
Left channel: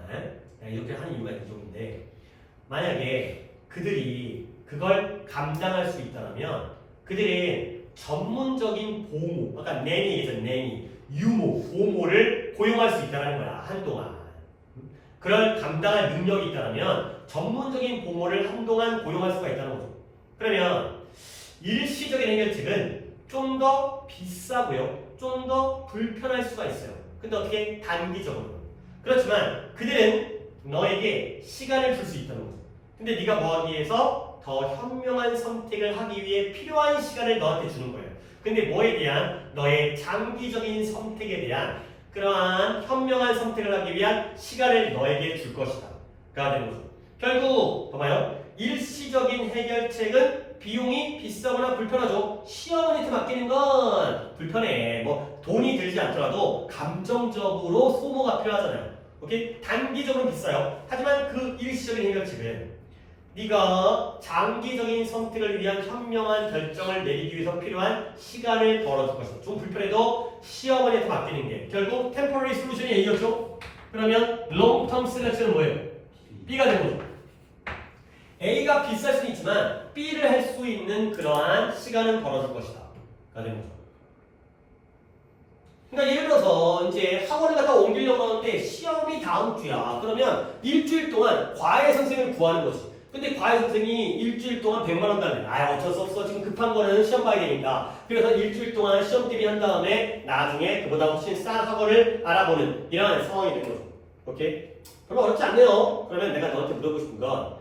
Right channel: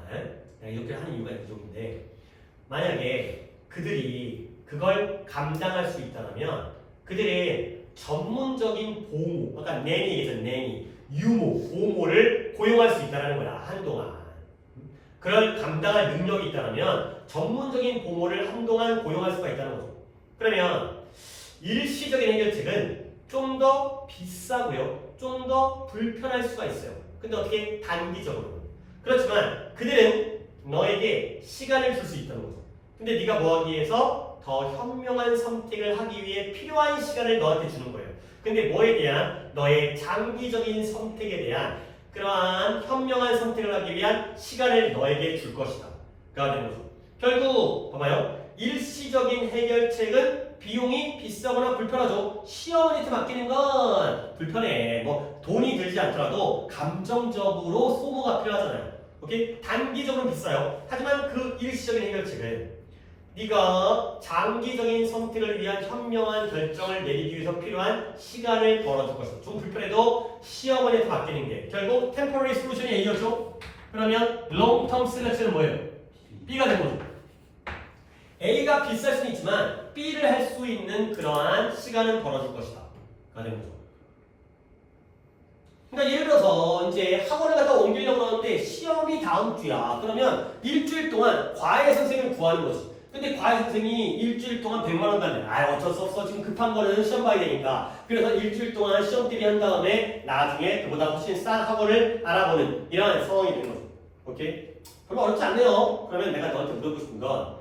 내가 이렇게 하는 이유가 이쪽인데 만약에 그들이 그걸 감당할 수 있다면 그들의 전문적인 보모, 아까 내니 얘기했잖아. 내니, 유모, 보모를 고용할 수 있다는 거야. 한동안. 그걸 감당할 능력이 있다면 전문적인 보모를 한동안 고용할 수가 있다는 거죠. 그러면 일시적인 해결책은 좀 더 비싸고요. 좀 더 불편할 수가 있어요. 근데 어떻게? 단기적으로. 그렇지만 그들은 너에게 시간을 줄 수 있다는 거죠. 근데 네가 뭐 하기 위해서 더 현명한 선택을 하기 위해 필요한 시간을 너한테 주는 거예요. 근데 뭐에 대한? 너의 장기적인 선택에 대한 그러한 현명한 선택을 하기 위한 시간을 너에게 줄 것이다. 가 되는 거죠. 결국 봐봐요. 일시적인 해결책은 비용이 비싸거나 불편하죠. 시어머니한테 맡기는 건 불편해. 뭐 돈이 들지 않더라도 감정적으로 소모가 필요하잖아요. 오케이? 단기적으로 비싸요. 하지만 그 일시적인 해결책은 네가 장기적인 선택을 위한 현명한 결정을 내리기 위해서 필요한 시간을 벌어줄 것이다. 좀 불편해도 시어머니한테 맡기는 게 결국 temporary solution이 A였죠? 그러면 long term selection은 뭐예요? B가 되는 거죠. A가 비쌀 수는 있지만 B를 할 수 있는 그러한 시간은 벌어줄 것이다. 가 되는 거죠. 그러니까 예를 들어서 이제 학원을 갖다 옮기려고 하는데 시험이 다음 주야. 그러면 일주일 동안 과외 선생님을 구하는 거지. 근데 과외 선생님이 일주일 동안 100만 원 달래. 아 어쩔 수 없어. 지금 급한 거는 시험 봐야 되니까. 그래서 일주일 동안 시험 대비 한 다음에 나중에 그보다 훨씬 싼 학원을 알아보는 이러한 상황이 되는 거죠. 오케이? 별로 어렵지 않네요. 그러면 내가 너한테 물어보고 싶은 건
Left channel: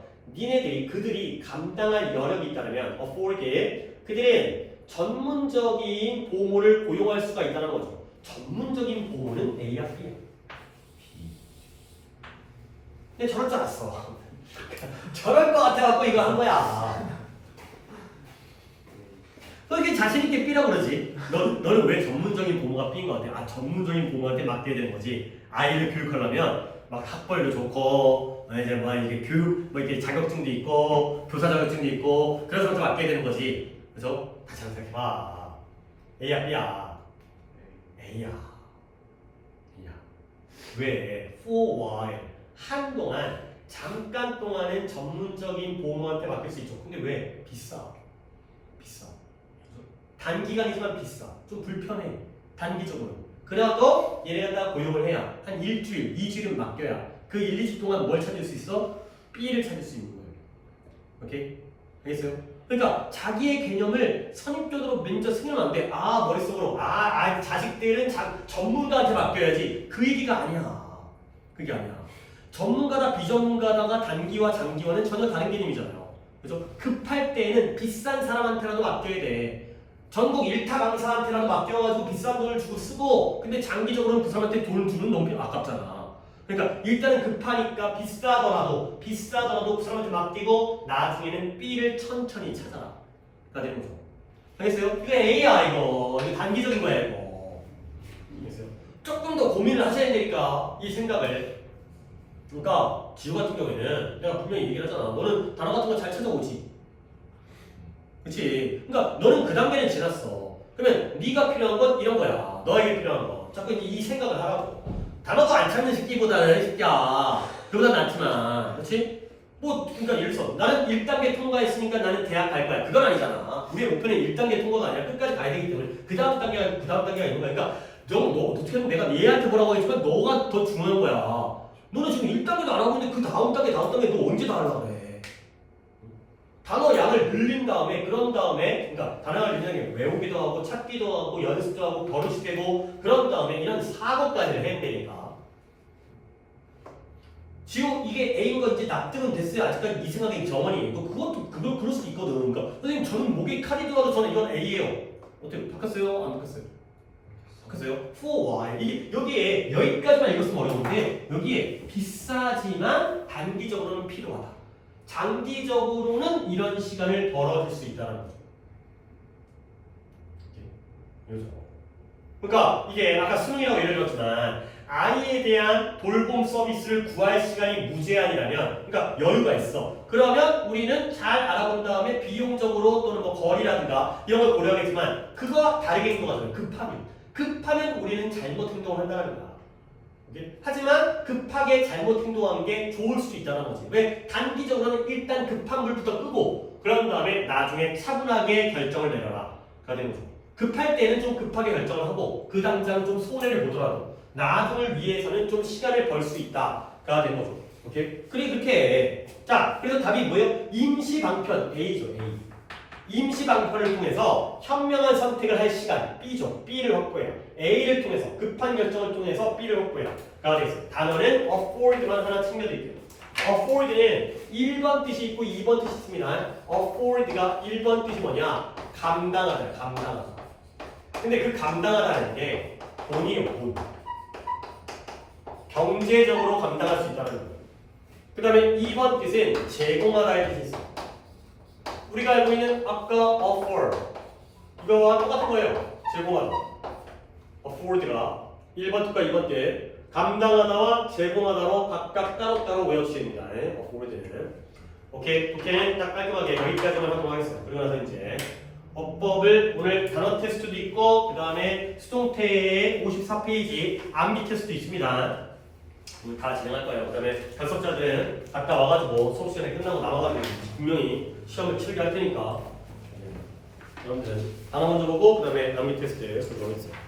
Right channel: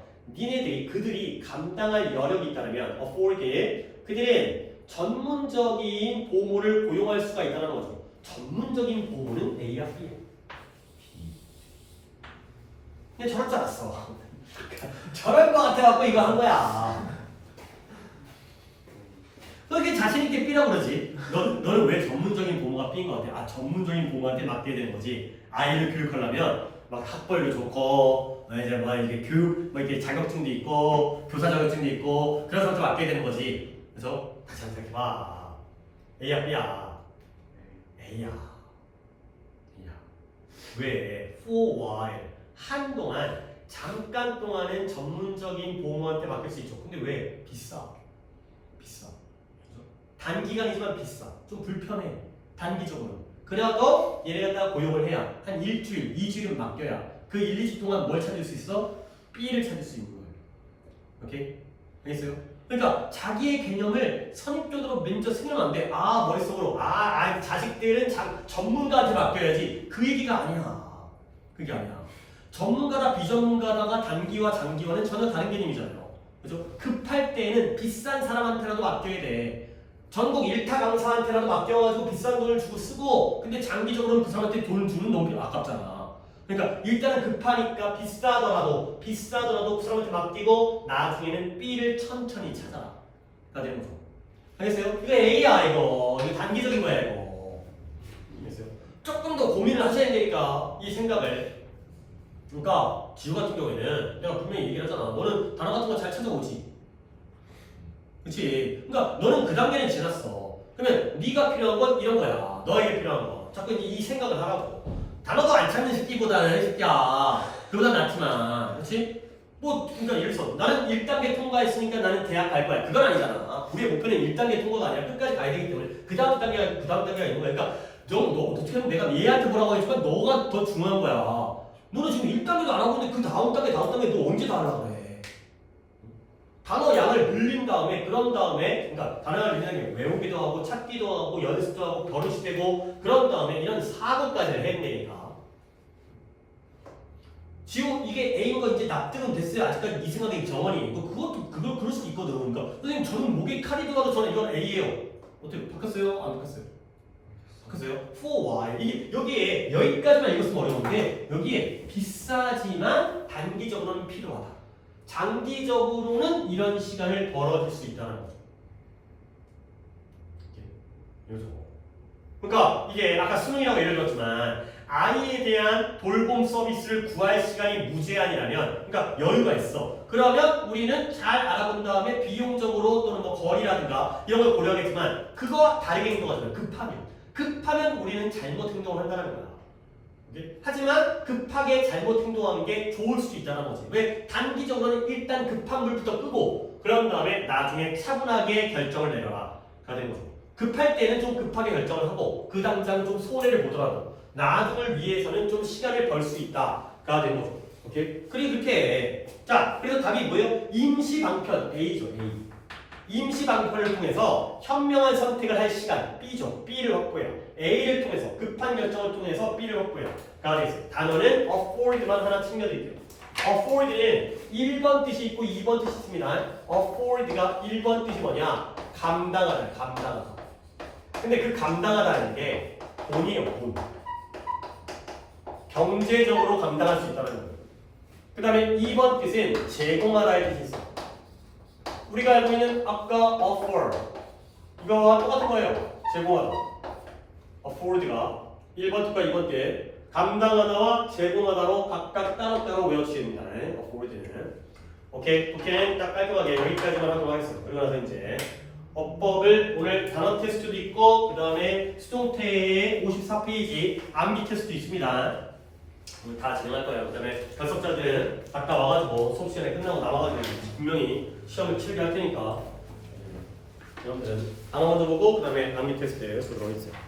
그들이 감당할 여력이 있다면 afford it, 그들은 전문적인 보모를 고용할 수가 있다는 거죠. 전문적인 보모는 A야, B야? B. 근데 저럴 줄 알았어. 저럴 것 같아갖고 이거 한 거야. 너 이렇게 자신있게 B라고 그러지? 너는 왜 전문적인 보모가 B인 것 같아? 아, 전문적인 보모한테 맡겨야 되는 거지. 아이를 교육하려면 막 학벌도 좋고, 이제 뭐 이게 교육, 뭐 이렇게 자격증도 있고, 교사 자격증도 있고, 그런 사람한테 맡겨야 되는 거지. 그래서 다시 한번 생각해봐. A야, B야? A야. A야. 왜? For while. 한동안, 잠깐 동안은 전문적인 보모한테 맡길 수 있죠. 근데 왜? 비싸. 비싸. 단기간이지만 비싸. 좀 불편해. 단기적으로. 그래도 얘네 갖다 고용을 해야 한 일주일, 2주일은 맡겨야 그 1, 2주 동안 뭘 찾을 수 있어? B를 찾을 수 있는 거예요. 오케이? 알겠어요? 그러니까 자기의 개념을 선입견으로 먼저 생각하면 안 돼. 아 머릿속으로 자식들은 전문가한테 맡겨야지. 그 얘기가 아니야. 그게 아니야. 전문가다 비전문가다가 단기와 장기와는 전혀 다른 개념이잖아요. 그래서 급할 때는 비싼 사람한테라도 맡겨야 돼. 전국 일타 강사한테라도 맡겨가지고 비싼 돈을 주고 쓰고 근데 장기적으로는 그 사람한테 돈 주는 너무 아깝잖아. 그러니까 일단은 급하니까 비싸더라도 그 사람한테 맡기고 나중에는 B를 천천히 찾아라. 가 되는 거죠. 알겠어요? 이거 A야 이거 단기적인 거야 이거. 알겠어요? 조금 더 고민을 하셔야 되니까 이 생각을. 그러니까 지우 같은 경우에는 내가 분명히 얘기를 하잖아. 너는 단어 같은 거 잘 찾아오지. 그렇지? 그러니까 너는 그 단계는 지났어. 그러면 네가 필요한 건 이런 거야. 너에게 필요한 거. 자꾸 이제 이 생각을 하라고. 단어도 안 찾는 새끼보다는 새끼야. 그보다 낫지만, 그렇지? 뭐 그러니까 예를 들어서 나는 1단계 통과했으니까 나는 대학 갈 거야. 그건 아니잖아. 우리의 목표는 1단계 통과가 아니라 끝까지 가야 되기 때문에 그 다음 단계가 있는 거야. 그러니까 너 어떻게 보면 내가 얘한테 뭐라고 했지만 너가 더 중요한 거야. 너는 지금 1단계도 안 하고 있는데 그 다음 단계 너 언제 다 하려고 그래? 단어 양을 늘린 다음에 그런 다음에 그러니까 단어를 늘리는 게 외우기도 하고 찾기도 하고 연습도 하고 버릇이 되고 그런 다음에 이런 4것까지를 해내니까 지금 이게 A인 거 이제 납득은 됐어요. 아직까지 이 생각이 정원이 그것도 그럴 수도 있거든. 그러니까 선생님 저는 목에 칼이 들어가도 저는 이건 A예요. 어떻게 바꿨어요? 안 바꿨어요? 바꿨어요? For why? 이게 여기에 여기까지만 읽었으면 어려운데 여기에 비싸지만 단기적으로는 필요하다. 장기적으로는 이런 시간을 벌어줄 수 있다는 거죠. 그러니까 이게 아까 수능이라고 예를 들었지만 아이에 대한 돌봄 서비스를 구할 시간이 무제한이라면 그러니까 여유가 있어. 그러면 우리는 잘 알아본 다음에 비용적으로 또는 뭐 거리라든가 이런 걸 고려하겠지만 그거와 다르게 행동하잖아요. 급하면 우리는 잘못 행동을 한다는 거야. 하지만 급하게 잘못 행동하는 게 좋을 수도 있다는 거지. 왜? 단기적으로는 일단 급한 불부터 끄고 그런 다음에 나중에 차분하게 결정을 내려라 가 되는 거죠. 급할 때는 좀 급하게 결정을 하고 그 당장 좀 손해를 보더라도 나중을 위해서는 좀 시간을 벌 수 있다 가 되는 거죠. 오케이? 그렇게 해. 자, 그래서 답이 뭐예요? 임시방편 A죠. A. 임시방편을 통해서 현명한 선택을 할 시간 B죠. B를 확보해요. A를 통해서 급한 결정을 통해서 B를 확보해요. 가 되겠어요. 단어는 afford만 하나 챙겨드릴게요. afford는 1번 뜻이 있고 2번 뜻이 있습니다. afford가 1번 뜻이 뭐냐? 감당하다, 감당하다. 근데 그 감당하다는 게 돈이에요, 돈. 경제적으로 감당할 수 있다는 거예요. 그 다음에 2번 뜻은 제공하다의 뜻이 있어요. 우리가 알고 있는 아까 afford 이거와 똑같은 거예요. 제공하다. afford가 1번 뜻과 2번 뜻 감당하다와 제공하다로 각각 따로따로 외워주셔야 됩니다. afford는 오케이, 오케이는 딱 깔끔하게 여기까지만 하도록 하겠습니다. 그러고 나서 이제 어법을 오늘 단어 테스트도 있고 그 다음에 수동태의 54페이지 암기 테스트도 있습니다. 오늘 다 진행할 거예요. 그 다음에 결석자들은 아까 와가지고 수업 시간에 끝나고 나와가지고 분명히 시험을 치르게 할 테니까 여러분들은 단어 먼저 보고 그 다음에 암기 테스트에 들어가겠습니다.